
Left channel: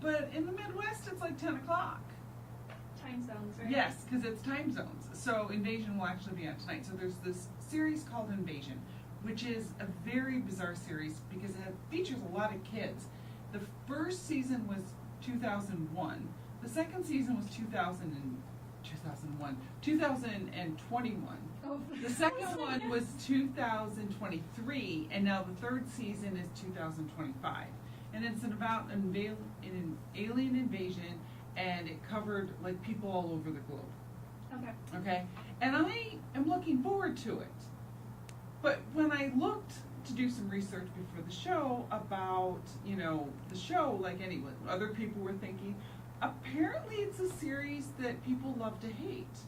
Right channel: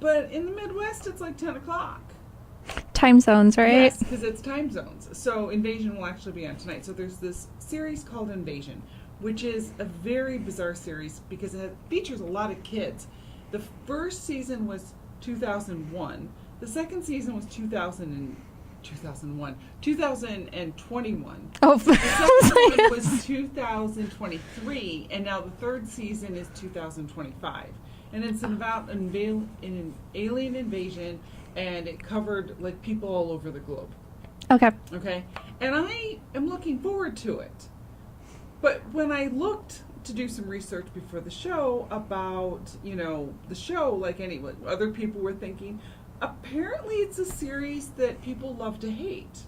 But in the Midwest, it's like 10 o'clock. Time zones, right? Yes, because it's time zones. So Invasion will actually be on tonight. So there's this series called Invasion, which is a very bizarre series because it features a lot of kids. The first season was 2001. The second season was 2021. Oh, The second I one was was 2023, and now the third season is 2025. And it's about an alien invasion, and it covered like people all over the globe. okay. Okay? And I am looking forward to it. But when I looked to do some research before the show about, the show, like anyone, other people were thinking, apparently it's a series that people love to hate.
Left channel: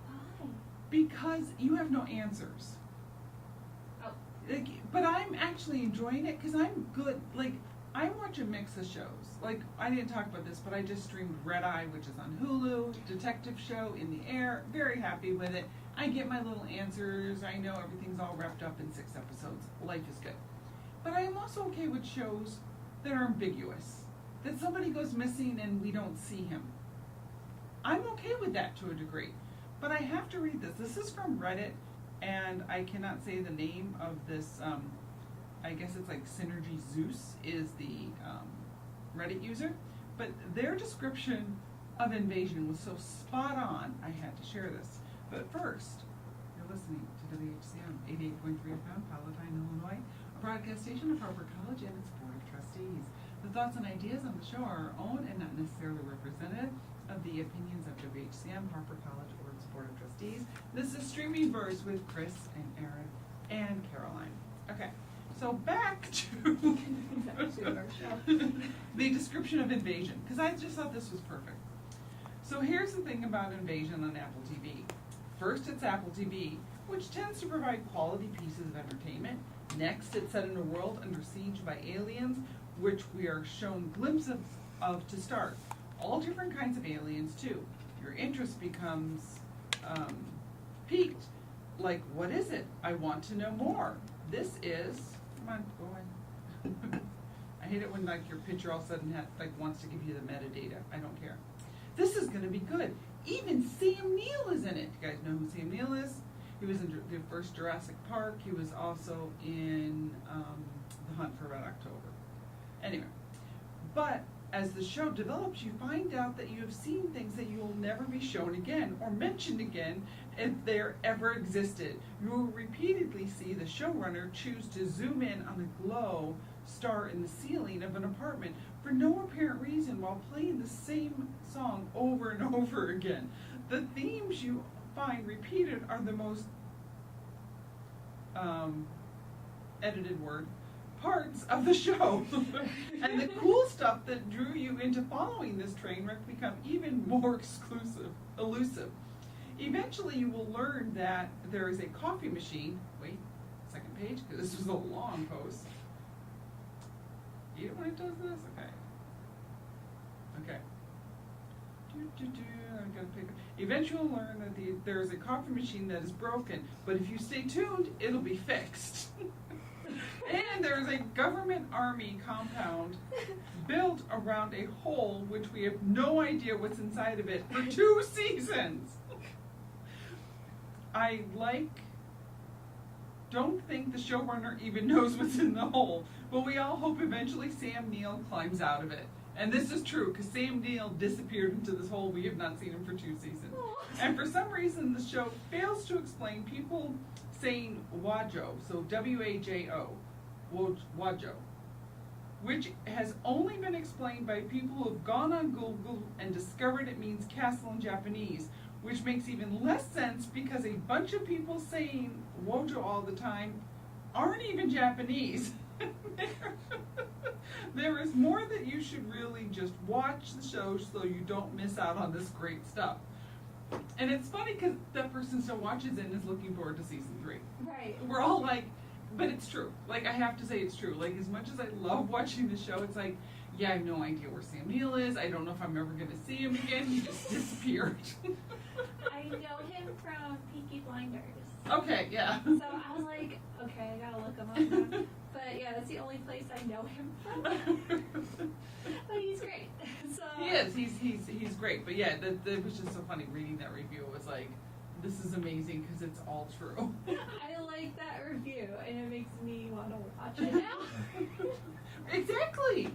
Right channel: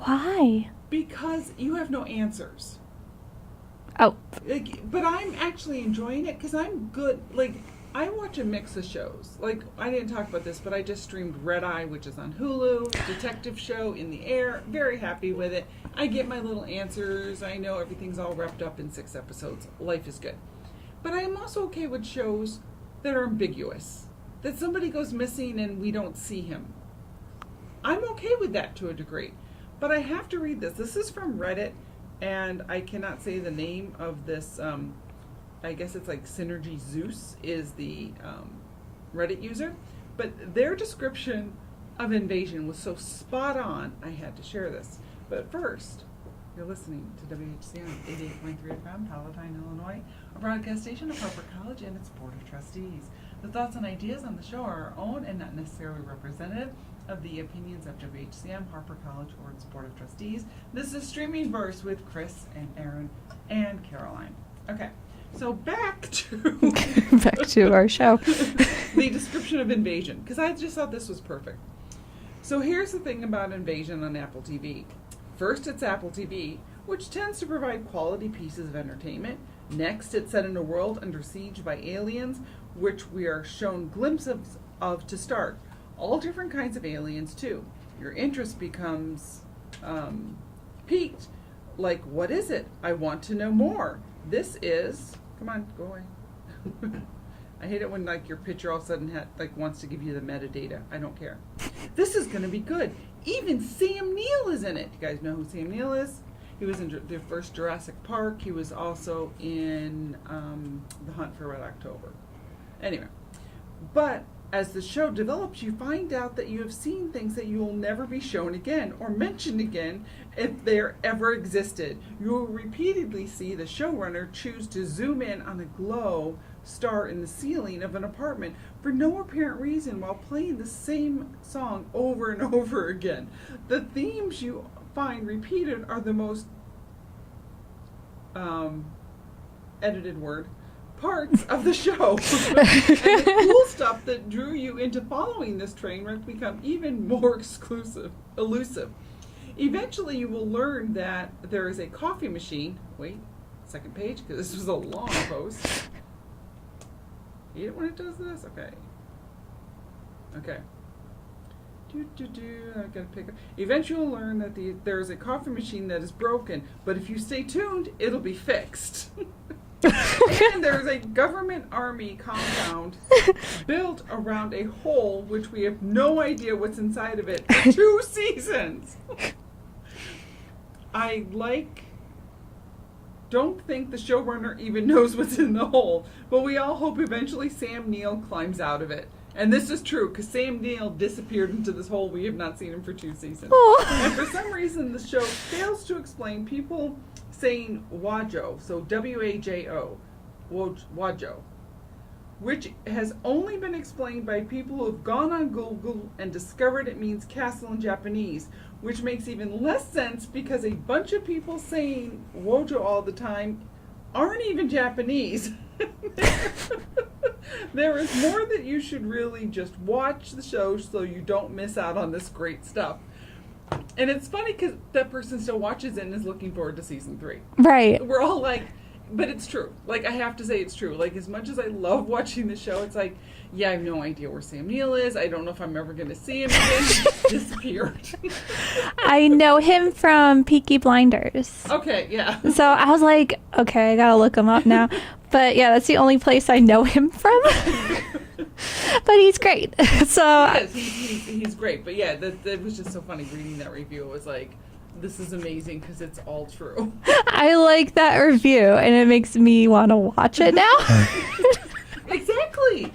Why? Because you have no answers. Oh, But I'm actually enjoying it because I'm good. Like, I watch a mix of shows. Like, I didn't talk about this, but I just streamed Red Eye, which is on Hulu, detective show in the air. Very happy with it. I get my little answers. I know everything's all wrapped up in 6 episodes. Life is good. But I am also okay with shows that are ambiguous. That somebody goes missing and we don't see him. I'm okay with that to a degree. But I have to read this. This is from Reddit, and I cannot say the name of this. I guess it's like Synergy Zeus is the Reddit user. But their description of Invasion was so spot on, I had to share this. But first, you're listening to WHCM 88.3 FM, Palatine, Illinois, a broadcast station of Harper College and its Board of Trustees. The thoughts and ideas on the show are our own and not necessarily representative of the opinions of WHCM, Harper College, or its Board of Trustees. This is Streaming Verse with Chris and Aaron and Caroline. Okay, so back to our show. the description of Invasion, because I just thought this was perfect. So here's the thing about Invasion on Apple TV. First, it's Apple TV, which tends to provide quality pieces of entertainment. Next, it's set in a world under siege by aliens, which we are shown glimpses of to start. All different kinds of aliens, too. Your interest becomes piqued. Like, what is it? I want to know more. This is... Come on, go away. I hate it when, like, your picture all of a sudden wants to give you the metadata. I don't care. This is going to be good. Even Sam Neill is in it. You guys know who Sam Neill is? He was in the first Jurassic Park. He was also in The Hunt for Red October. Anyway, but as the show develops, you find out that you have seen things that you will never be shown again or mentioned again if they're ever existed. You will repeatedly see the showrunner choose to zoom in on a glow star in the ceiling of an apartment for no apparent reason while playing the same song over and over again. The themes you find repeated are the most edited word parts of the show. And the cool stuff that drew you into following this train wreck become even more elusive. Eventually you will learn that there is a coffee machine. Wait, second page, because this was a long post. You know when it does this? Okay. Okay. I gotta pick up. Eventually you'll learn that there is a coffee machine that is broken, but if you stay tuned, it'll be fixed. And there's a government army compound built around a hole which we have no idea what's inside of it for 2 seasons. Don't think the showrunner even knows what's in the hole, but we all hope eventually Sam Neill climbs out of it. And this is true, because Sam Neill disappeared into this hole. We have not seen him for 2 seasons. Oh. And for some reason, the show fails to explain people saying Wajo, so W-A-J-O, Wajo, which has only been explained by people who have gone on Google and discovered it means castle in Japanese, which makes even less sense because a bunch of people saying Wojo all the time aren't even Japanese. There is more that you should really just watch the show so you don't miss out on this great stuff. And it's funny because that person still watches it and is looking forward to season 3. Right. We're all like, but it's true. Like, I have to say it's true. Like, as much as I love watching the show, it's like, yeah, I have no idea where Sam Neill is. I don't know if I'm ever going to see him again. He just disappeared. I know him from Peaky Blinders. Okay, yeah. So I was like, okay, I gotta look him up now. But yeah, that's the only place I know him from. But he's great. So He is. He's great. But yeah, that was just so funny reading that review. It was like, this is amazing because it's all true. I like that review, and it makes me want to watch it now. Exactly.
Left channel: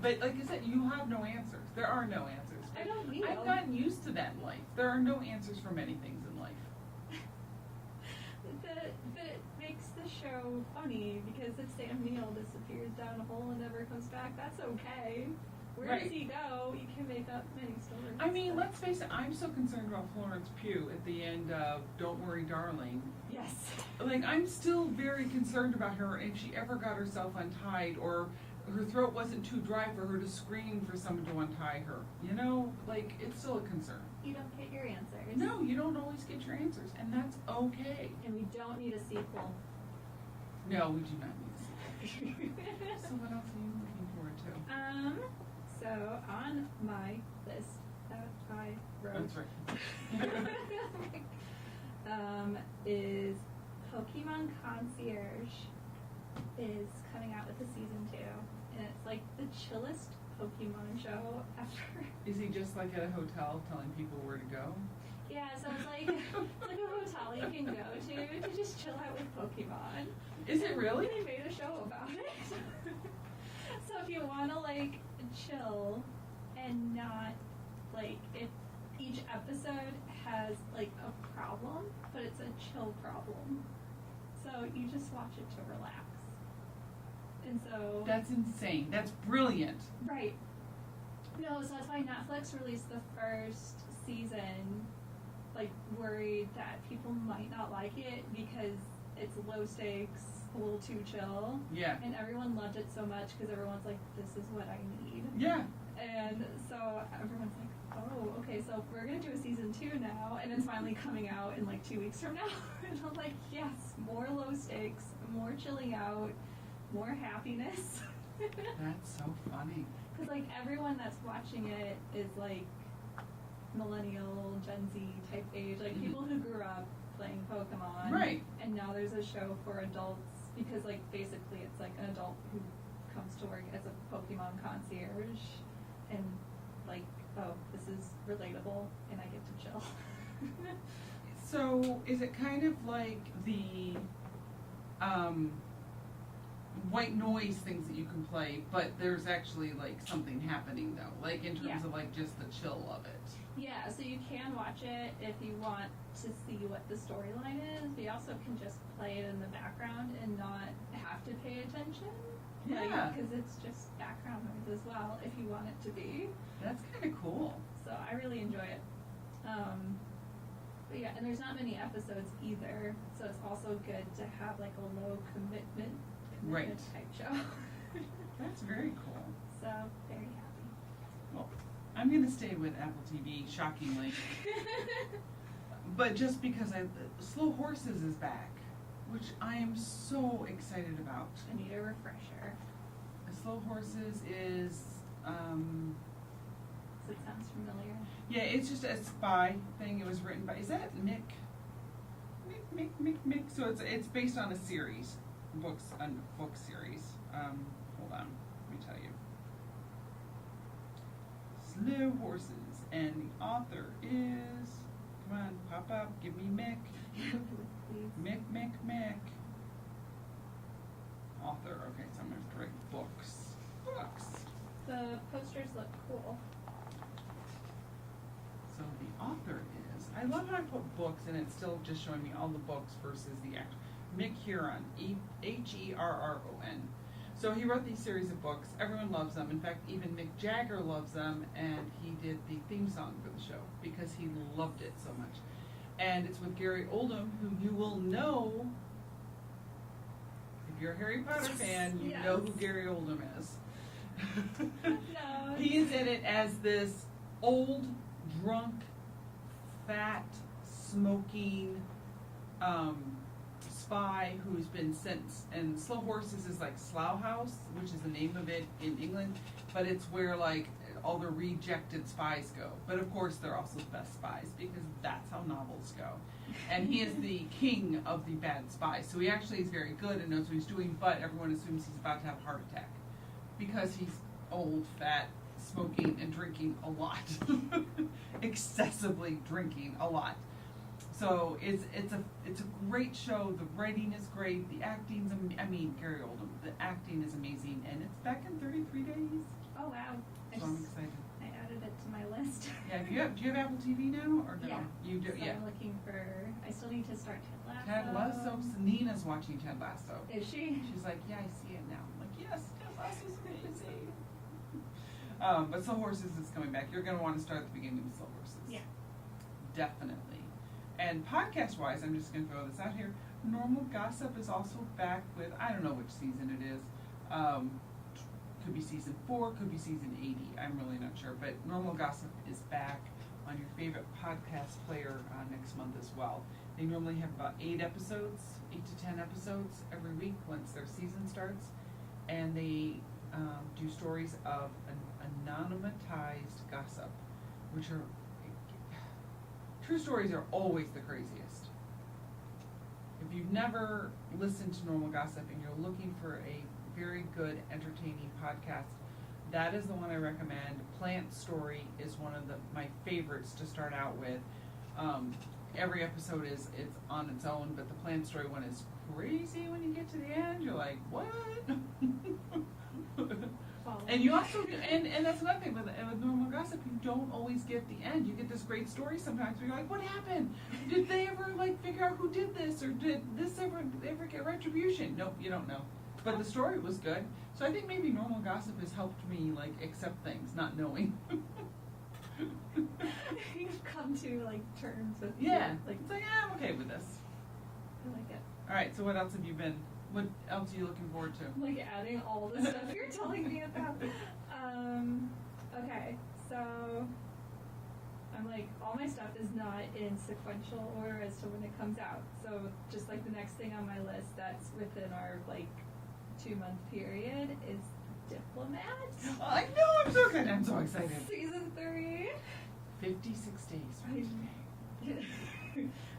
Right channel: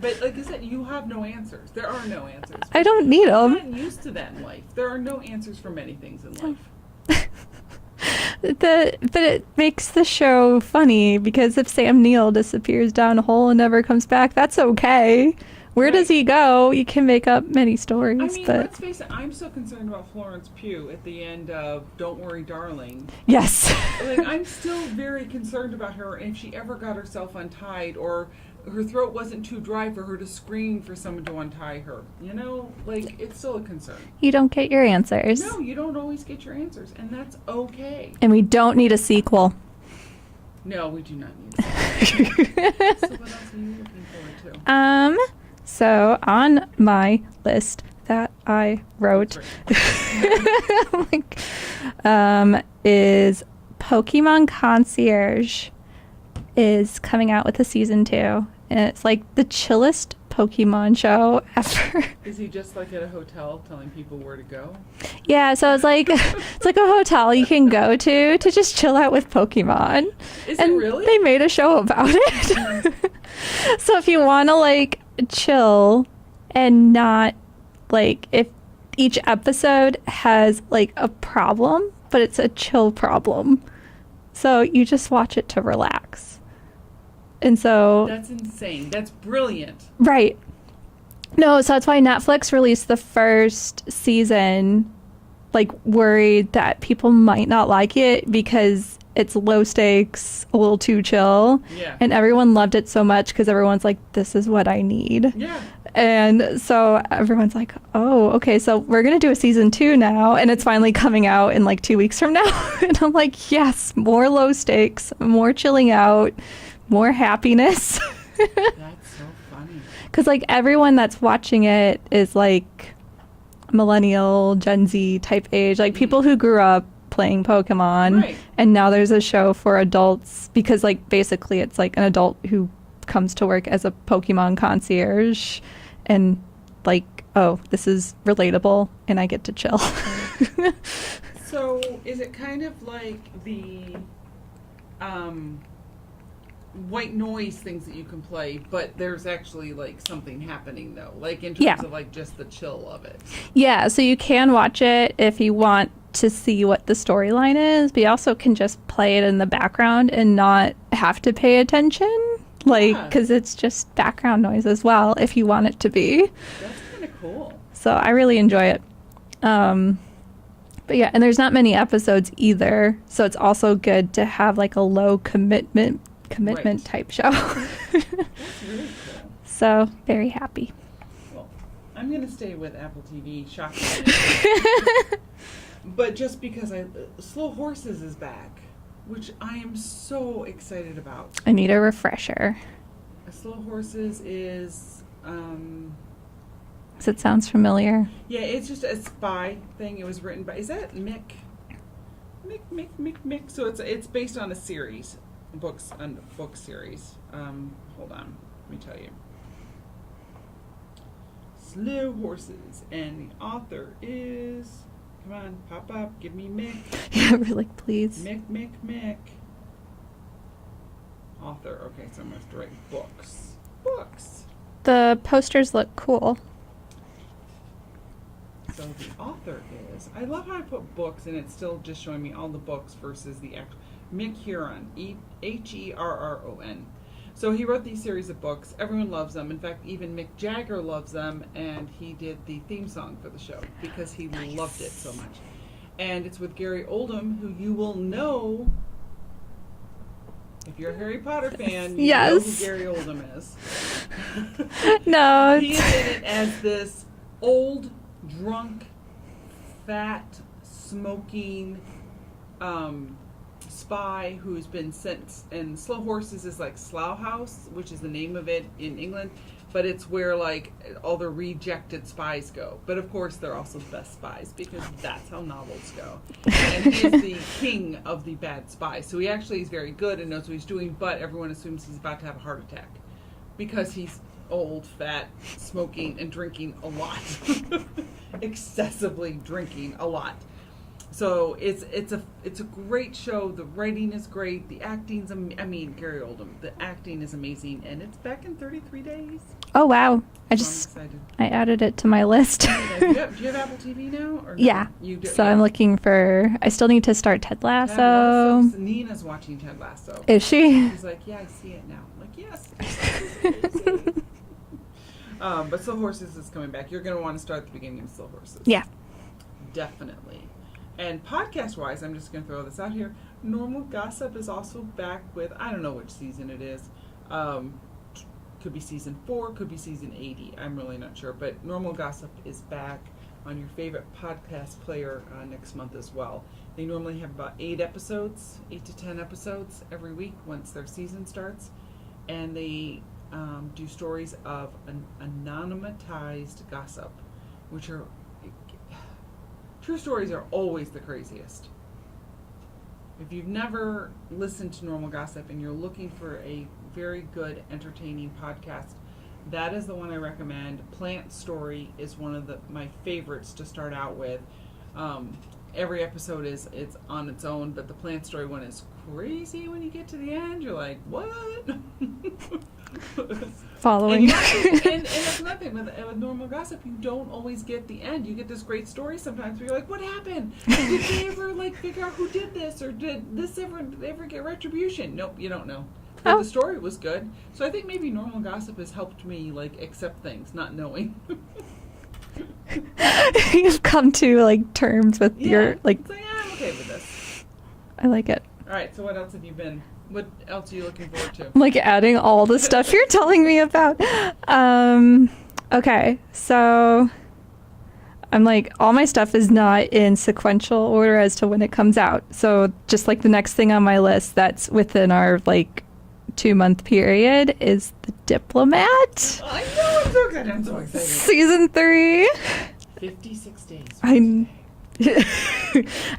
But like I said, you have no answers. There are no answers. I don't need I'm them. not used to that in life. There are no answers for many things in life. But it makes the show funny because if Sam Neill disappears down a hole and never comes back, that's okay. Where does he go? You can make up many stories, I mean, but let's face it, I'm so concerned about Florence Pugh at the end of Don't Worry, Darling. yes. Like, I'm still very concerned about her, and if she ever got herself untied or her throat wasn't too dry for her to scream for someone to untie her. You know, like, it's still a concern. You don't get your answers. No, you don't always get your answers, and that's okay. And we don't need a sequel. No, we do not need that. So what else are you looking forward to? So on my list that I wrote, like, is Pokemon Concierge is coming out with a season 2, and it's like the chillest Pokemon show ever. Is he just like at a hotel telling people where to go? Yeah, so it's like a hotel you can go to just chill out with Pokemon. Is And it really? they made a show about it. So if you want to like chill and not like, if each episode has like a problem, but it's a chill problem. So you just watch it to relax. And so That's insane. That's brilliant. right. No, so that's why Netflix released the first season, like worried that people might not like it because it's low stakes, a little too chill. Yeah. And everyone loved it so much because everyone's like, this is what I need. Yeah. And so everyone's like, oh, okay, so we're going to do a season 2 now. And it's finally coming out in like 2 weeks from now. And I'm like, yes, more low stakes, more chilling out, more happiness. That's so funny. Because like everyone that's watching it is like millennial, Gen Z type age, like people who grew up playing Pokemon. Right. And now there's a show for adults because like basically it's like an adult who comes to work as a Pokemon concierge and like, oh, this is relatable and I get to chill. So is it kind of like the white noise things that you can play, but there's actually like something happening though, like in terms Yeah. of like just the chill of it? Yeah, so you can watch it if you want to see what the storyline is, but you also can just play it in the background and not have to pay attention, like, Yeah. because it's just background noise as well if you want it to be. That's kind of cool. So I really enjoy it. But yeah, and there's not many episodes either, so it's also good to have like a low commitment Right. type show. That's really cool. So very happy. Well, I'm gonna stay with Apple TV. Shocking. But just because Slow Horses is back, which I am so excited about. I need a refresher. Slow Horses is, Does it sounds familiar? yeah, it's just a spy thing. It was written by, is that Mick? Mick. So it's based on a series, book series. Hold on, let me tell you. Slow Horses, and the author is, come on, pop up, give me Mick. Yeah, we're like, please. Mick. Author, okay, so I'm gonna have to write books. The posters look cool. So the author is, I love how I put books and it's still just showing me all the books versus the actual, Mick Huron, Herron. So he wrote these series of books. Everyone loves them. In fact, even Mick Jagger loves them, and he did the theme song for the show because he loved it so much. And it's with Gary Oldham, who you will know if you're a Harry Potter fan. You know who Yes. Gary Oldham is. No. He is in it as this old, drunk, fat, smoking spy who's been sent. And Slow Horses is like Slough House, which is the name of it in England, but it's where like all the rejected spies go. But of course, they're also the best spies because that's how novels go. And he's the king of the bad spies. So he actually is very good and knows what he's doing, but everyone assumes he's about to have a heart attack because he's old, fat, smoking, and drinking a lot. Excessively drinking a lot. So it's a great show. The writing is great. The acting's Gary Oldham. The acting is amazing, and it's back in 33 days. Oh wow! I'm excited. I added it to my list. Do you have Apple TV now? Or no? Yeah. You do. So yeah. I'm looking for. I still need to start Ted Lasso. Ted Lasso. Nina's watching Ted Lasso. Is she? She's like, yeah, I see it now. I'm like, yes. Amazing. But Slow Horses is coming back. You're going to want to start at the beginning of Slow Horses. Yeah. Definitely. And podcast-wise, I'm just going to throw this out here. Normal Gossip is also back with, I don't know which season it is. Could be season 4, could be season 80. I'm really not sure. But Normal Gossip is back on your favorite podcast player next month as well. They normally have about 8 to 10 episodes every week once their season starts. And they do stories of anonymized gossip, which are, true stories are always the craziest. If you've never listened to Normal Gossip and you're looking for a very good, entertaining podcast, that is the one I recommend. Plant Story is one of my favorites to start out with. Every episode it's on its own, but the Plant Story one is crazy. When you get to the end, you're like, what? Following. And that's nothing with Normal Gossip. You don't always get the end. You get this great story sometimes where you're like, what happened? Did they ever figure out who did this, or did this ever get retribution? Nope, you don't know. But the story was good. So I think maybe Normal Gossip has helped me accept things, not knowing. You've come to terms with your It's I'm okay with this. I like it. All right. So what else have you been? What else are you looking forward to? I'm adding all the stuff you're telling me about. Okay, so I'm all my stuff is not in sequential order as to when it comes out. So just the next thing on my list that's within our 2-month period is The Diplomat. I know, it's so good. I'm so excited. Season 3. 56 days. I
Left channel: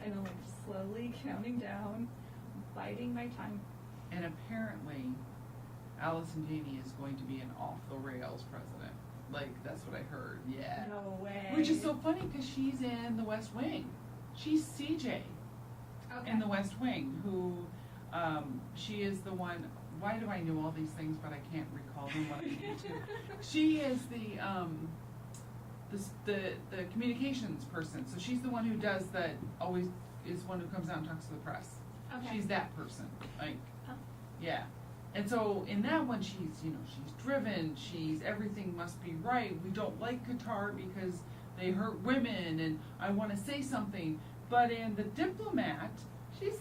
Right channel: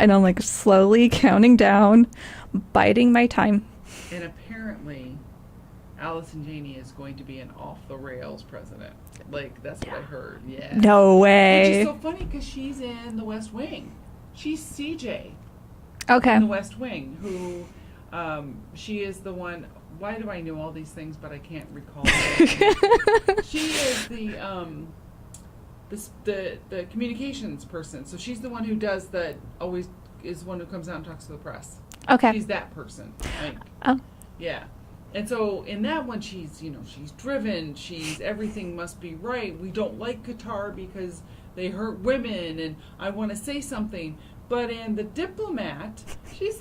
know, I'm slowly counting down, biding my time. And apparently, Allison Janney is going to be an off-the-rails president. That's what I heard. Yeah. No Which way. is so funny because she's in The West Wing. She's CJ Okay. in The West Wing, who she is the one. Why do I know all these things, but I can't recall it? She is the communications person. So she's the one who does always is one who comes out and talks to the press. Okay. She's that person. Right? Oh. Yeah. And so in that one, she's driven. Everything must be right. We don't like Qatar because they hurt women, and I want to say something. But in The Diplomat, she's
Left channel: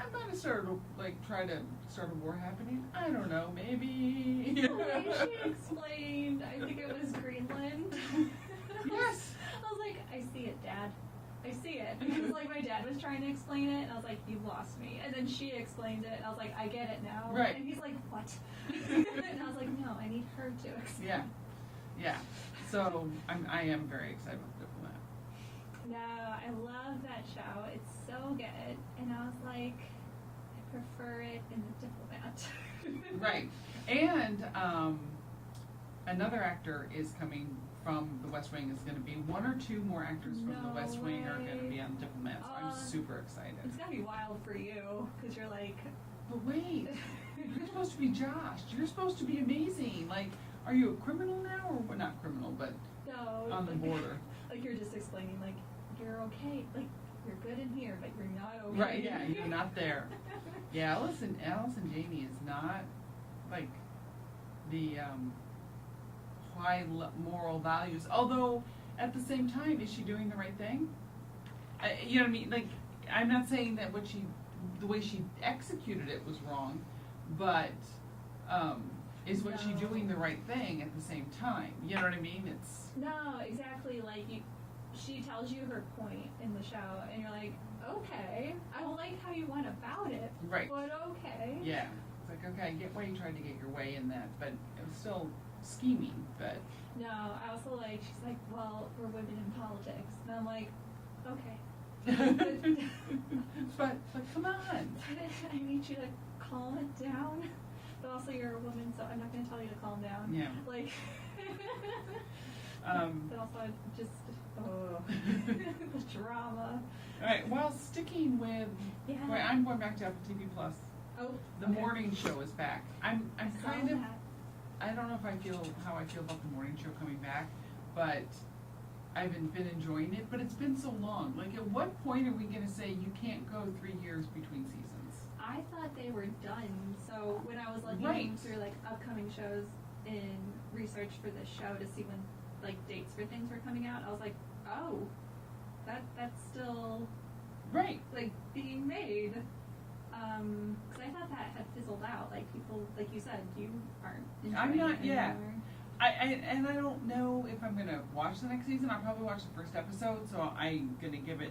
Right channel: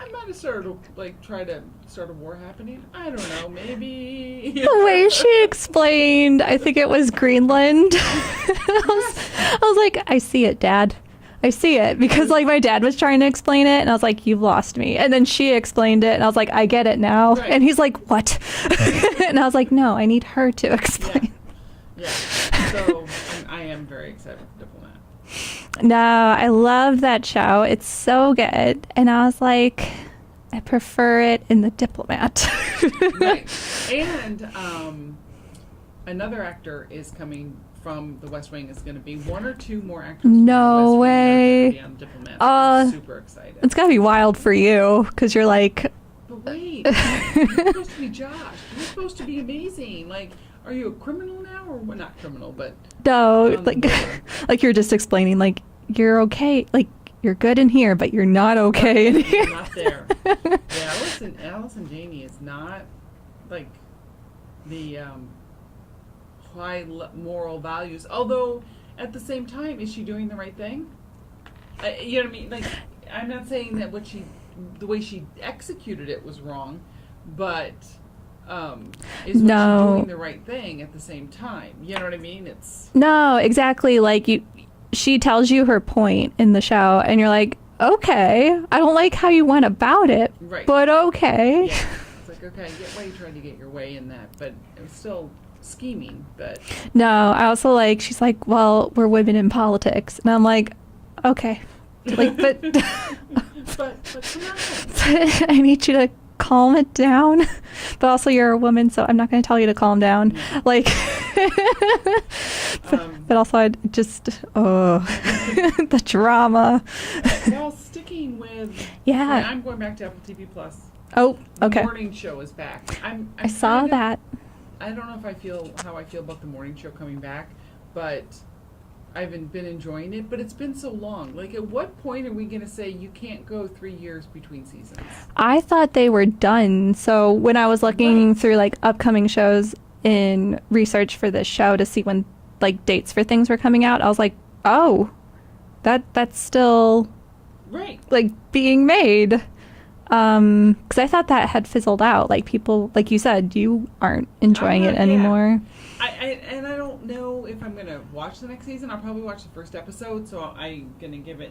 I might have started try to start a war happening. I don't know, maybe. The way she explained, I think it was Greenland. I was like, I see it, Dad. I see it. Because my dad was trying to explain it, and I was like, you've lost me. And then she explained it, and I was like, I get it now. Right. And he's like, what? And I was like, no, I need her to explain. Yeah. So I am very excited for The Diplomat. No, I love that show. It's so good. And I was like, I prefer it in The Diplomat. Right. And another actor is coming from The West Wing. Is going to be 1 or 2 more actors from No The West way. Wing are going to be on The Diplomat. So I'm super excited. It's got to be wild for you, because you're like... But wait, you're supposed to be Josh. You're supposed to be amazing. Are you a criminal now, or well, not criminal, but No, on the border. you're just explaining, you're okay, you're good in here, but you're not okay in You're here. not there. Yeah, Allison Janney is not the high moral values. Although at the same time, is she doing the right thing? You know what I mean? I'm not saying that the way she executed it was wrong, but is she doing the right thing at the same time? You know what I mean? No, exactly. She tells you her point in the show, and you're like, okay, I don't like how you went about it, right. but okay. Yeah. It's okay, I get why you tried to get your way in that, but it was still scheming. But No, I also she's like, well, we're women in politics, and I'm like, okay, but but come on. but I need you to calm it down. But also, you're a woman, so I'm not going to tell you to calm down. But also, I just the drama. Well, sticking with Yeah. I'm going back to Apple TV Plus. Oh, okay. The morning show is back. I saw that. I don't know if I feel how I feel about the morning show coming back, but I've been enjoying it. But it's been so long. At what point are we going to say you can't go 3 years between seasons? I thought they were done. So when I was looking through upcoming shows in research for this show to see when dates for things were coming out, I was like, oh, that's still Right. being made. Because I thought that had fizzled out. People, like you said, you aren't enjoying it anymore. I don't know if I'm gonna watch the next season. I'll probably watch the first episode, so I'm gonna give it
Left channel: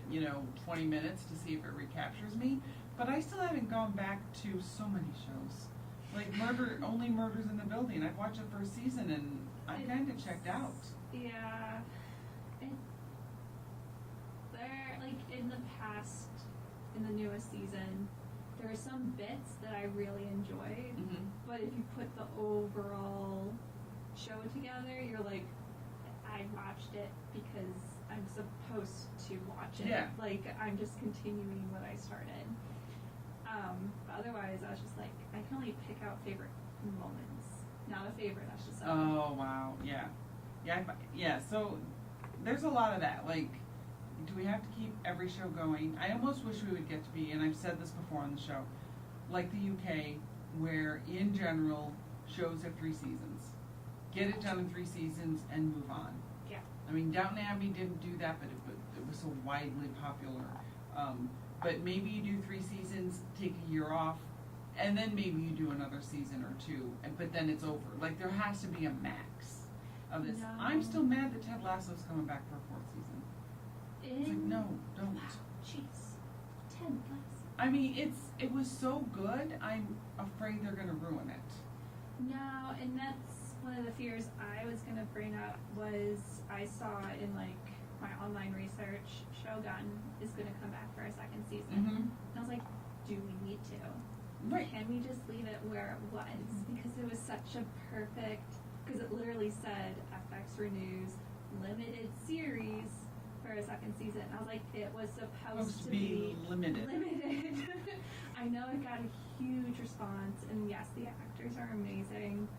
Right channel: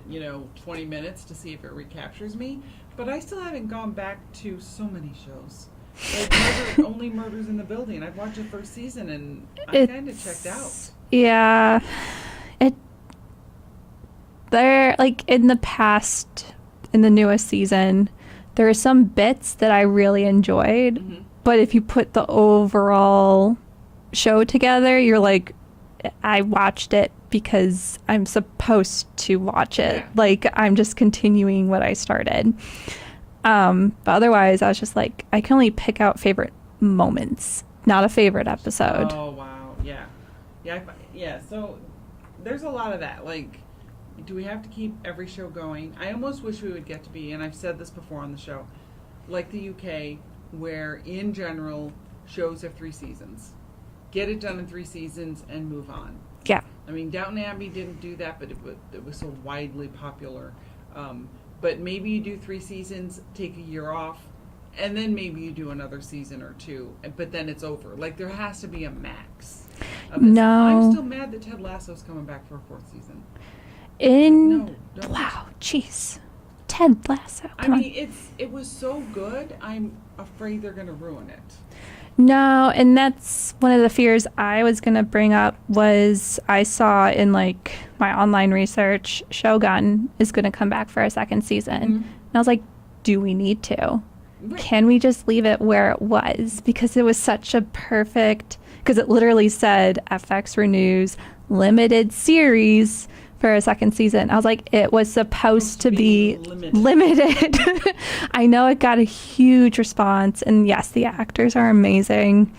20 minutes to see if it recaptures me. But I still haven't gone back to so many shows. Like only Murders in the Building. I've watched the first season and I kind of checked out. Yeah, there, like, in the past, in the newest season, there are some bits that I really enjoyed, Mm-hmm. but if you put the overall show together, you're like, I watched it because I'm supposed to watch it. Yeah. Like, I'm just continuing what I started. But otherwise, I was just like, I can only pick out favorite moments, not a favorite episode. Oh wow, yeah. So there's a lot of that. Like, do we have to keep every show going? I almost wish we would get to be, and I've said this before on the show, like the UK, where in general shows have 3 seasons. Get it done in 3 seasons and move on. Yeah. I mean, Downton Abbey didn't do that, but it was so widely popular. But maybe you do 3 seasons, take a year off, and then maybe you do another season or 2, but then it's over. Like, there has to be a max of this. No. I'm still mad that Ted Lasso's coming back for a 4th season. No, don't. Wow, jeez. Ted Lasso. I Come on. mean, it was so good, I'm afraid they're going to ruin it. No, and that's one of the fears I was going to bring up was I saw in like my online research Shogun is going to come back for a 2nd season. Mhm. And I was like, do we need to? Right. Can we just leave it where it was? Because it was such a perfect, because it literally said FX renews limited series for a 2nd season. I was like, it was supposed to be limited. I know it got a huge response, and yes, the actors are amazing,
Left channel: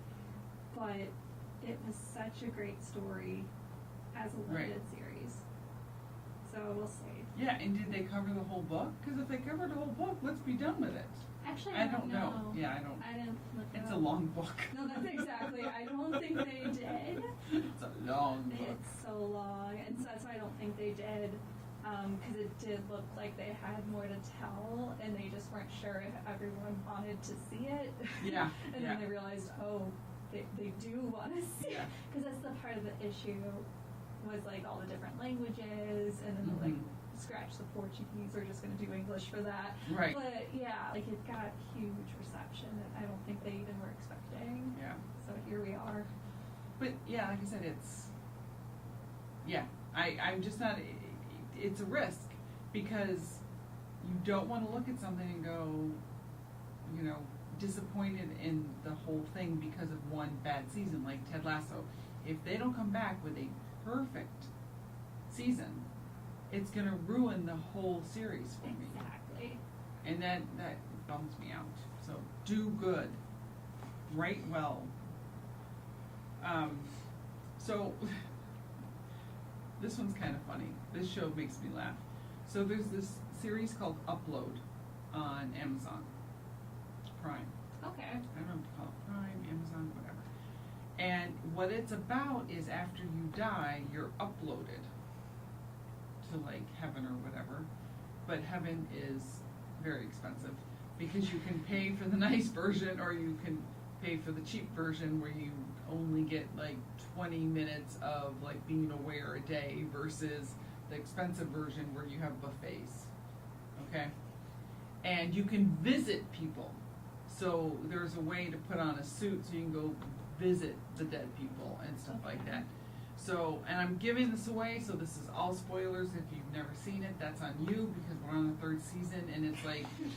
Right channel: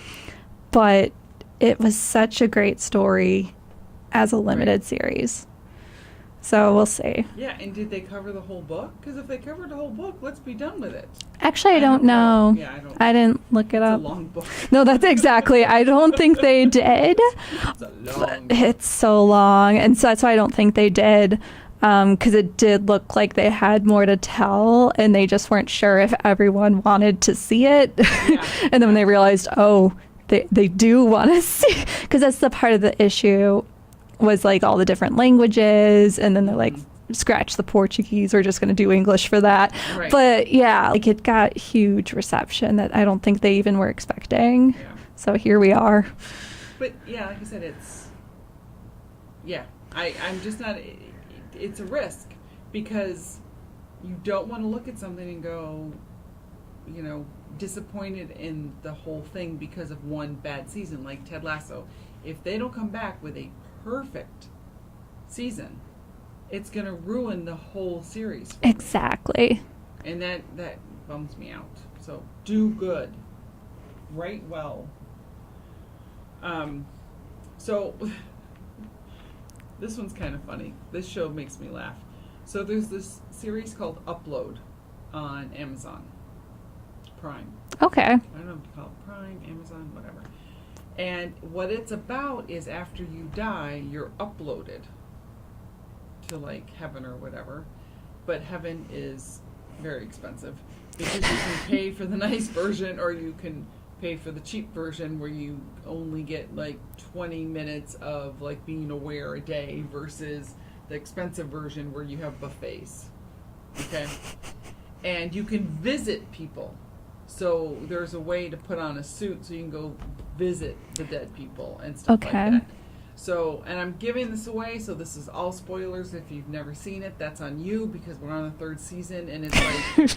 but it was such a great story as a limited series. So we'll see. Yeah, and did they cover the whole book? Because if they covered the whole book, let's be done with it. Actually, I don't know. Yeah, I don't. I didn't look it It's up. a long book. No, that's exactly. I don't think they did. It's a long book. It's so long, and so that's why I don't think they did, because it did look like they had more to tell, and they just weren't sure if everyone wanted to see it. Yeah. And then when they realized, oh, they do want to see, because that's the part of the issue, was like all the different languages, and then they're like, scratch the Portuguese, we're just going to do English for that. Right. But yeah, like it got huge reception that I don't think they even were expecting. Yeah. So here we are. But yeah, like I said, I'm just not, it's a risk because you don't want to look at something and go, disappointed in the whole thing because of one bad season, like Ted Lasso. If they don't come back with a perfect season, it's going to ruin the whole series. for me. Exactly. And that bums me out. So do good. Write well. So this one's kind of funny. This show makes me laugh. So there's this series called Upload on Amazon Prime. Okay. I don't know what to call it, Prime, Amazon, whatever. And what it's about is after you die, you're uploaded to like heaven or whatever. But heaven is very expensive because you can pay for the nice version or you can pay for the cheap version where you only get like 20 minutes of like being aware a day versus the expensive version where you have buffets. Okay? And you can visit people. So there's a way to put on a suit so you can go visit the dead people and stuff Okay. like that. So, and I'm giving this away, so this is all spoilers. If you've never seen it, that's on you because we're on the 3rd season and it's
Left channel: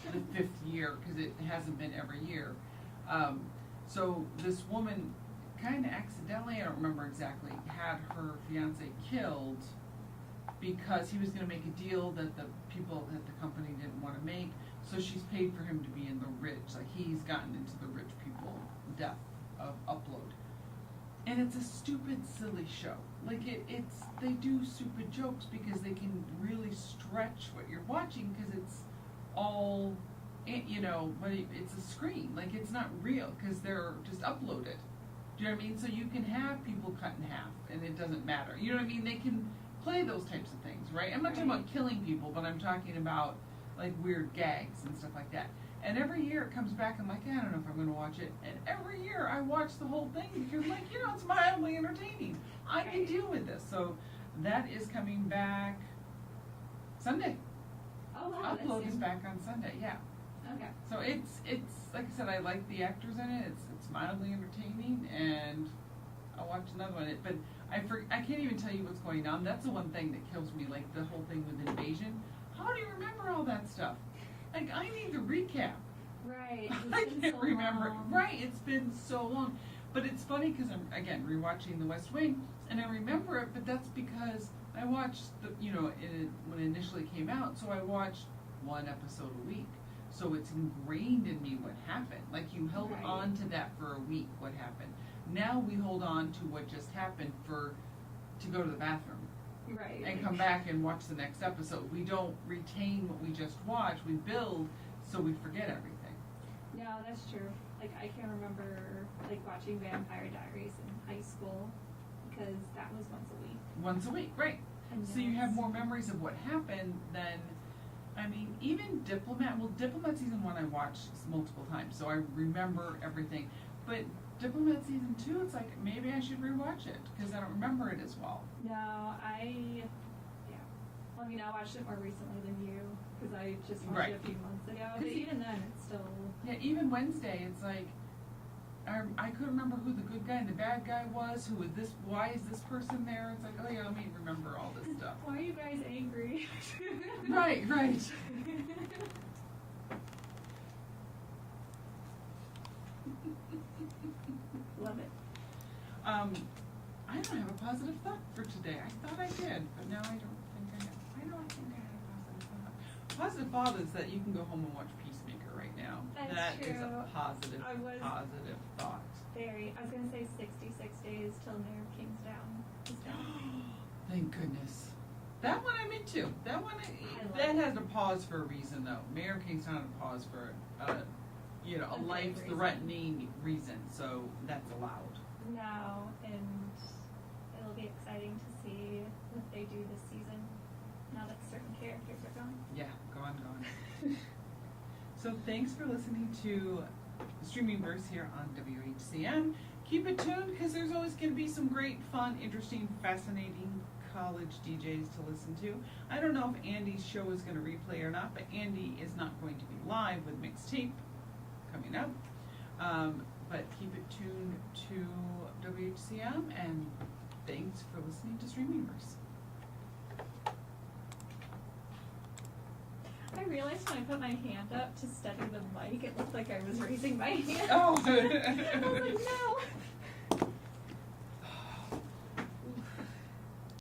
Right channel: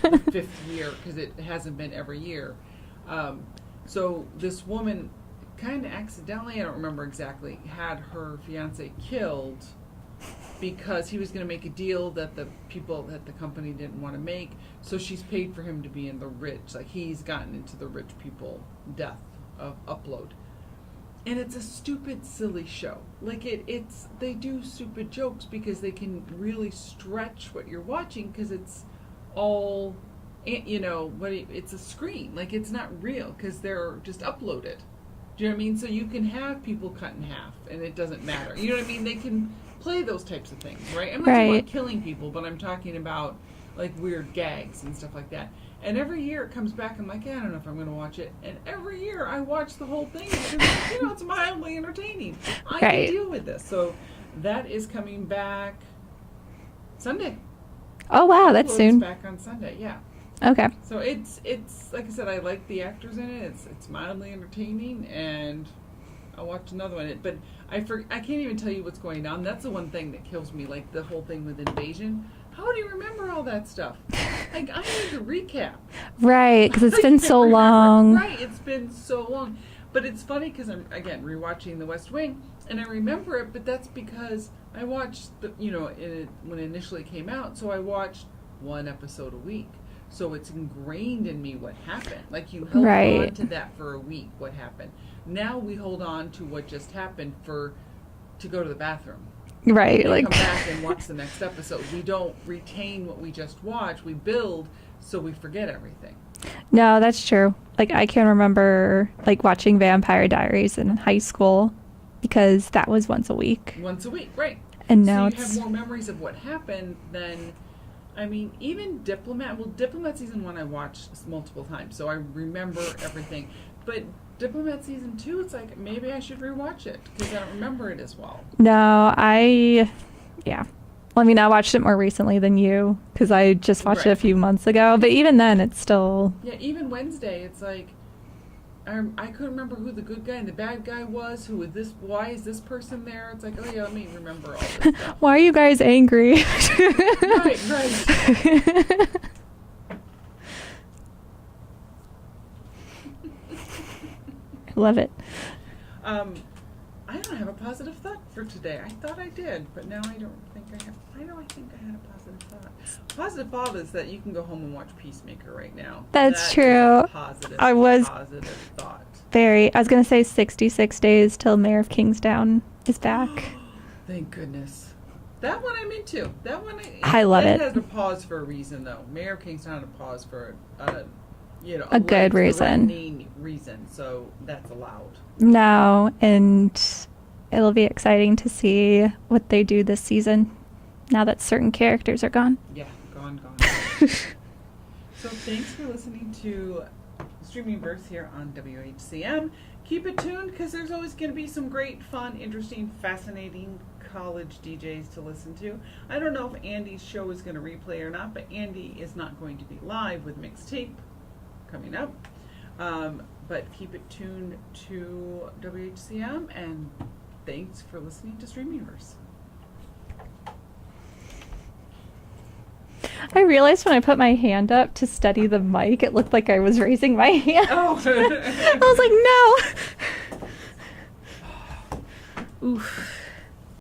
like the 5th year because it hasn't been every year. So this woman kind of accidentally, I don't remember exactly, had her fiance killed because he was going to make a deal that the people that the company didn't want to make. So she's paid for him to be in the rich, like he's gotten into the rich people death of Upload. And it's a stupid, silly show. Like it's they do stupid jokes because they can really stretch what you're watching because it's all, it's a screen. Like it's not real because they're just uploaded. Do you know what I mean? So you can have people cut in half and it doesn't matter. You know what I mean? They can play those types of things, right? I'm not talking Right. about killing people, but I'm talking about like weird gags and stuff like that. And every year it comes back, I'm like, I don't know if I'm going to watch it. And every year I watch the whole thing. And it's mildly entertaining. I Right. can deal with this. So that is coming back Sunday. Oh wow, that's Uploads soon. back on Sunday, yeah. Okay. So it's like I said, I like the actors in it. It's mildly entertaining, and I'll watch another one. But I can't even tell you what's going on. That's the one thing that kills me, like the whole thing with Invasion. How do you remember all that stuff? Like I need to recap. Right, because it's I been can't so remember. long. Right, it's been so long. But it's funny because I'm again rewatching The West Wing, and I remember it. But that's because I watched when it initially came out. So I watched one episode a week. So it's ingrained in me what happened. Like you held Right. on to that for a week. What happened? Now we hold on to what just happened to go to the bathroom. Right, We like come back and watch the next episode. We don't retain what we just watched. We build, so we forget everything. no, that's true. Like I can remember like watching Vampire Diaries in high school because that was once a week. Once a week, right? And so now you it's have more memories of what happened than, I mean, even Diplomat. Well, Diplomat season 1 I watched multiple times, so I remember everything. But Diplomat season 2, it's like maybe I should rewatch it because I don't remember it as well. No, yeah. Well, I mean, I watched it more recently than you because I just watched it a Right. few months ago. But even then, it's still Yeah, even Wednesday, it's like I couldn't remember who the good guy and the bad guy was. Who is this? Why is this person there? It's like, oh yeah, let me remember all this stuff. Why are you guys angry? Right. I love it. I don't have a positive thought for today. I thought I did, but now I don't think I have. I think I had a positive thought. Positive thought is that you can go home and watch Peacemaker right now. That's That is true. a positive, I was- positive thought. I was going to say 66 days till Mayor of Kingstown is back. Thank goodness. That one I'm into. That one I love it. It has a pause for a reason, though. Mayor of Kingstown had a pause for A good reason. Reason, so that's allowed. No, and it'll be exciting to see what they do this season now that certain characters are gone. Yeah, gone. So thanks for listening to Streaming Verse here on WHCM. Keep it tuned because there's always going to be some great, fun, interesting, fascinating college DJs to listen to. I don't know if Andy's show is going to replay or not, but Andy is not going to be live with Mixtape coming up. But keep it tuned to WHCM, and thanks for listening to Streamingverse. I realized when I put my hand up to steady the mic, it looked like I was raising my hand. Oh. I was like, no. Oof.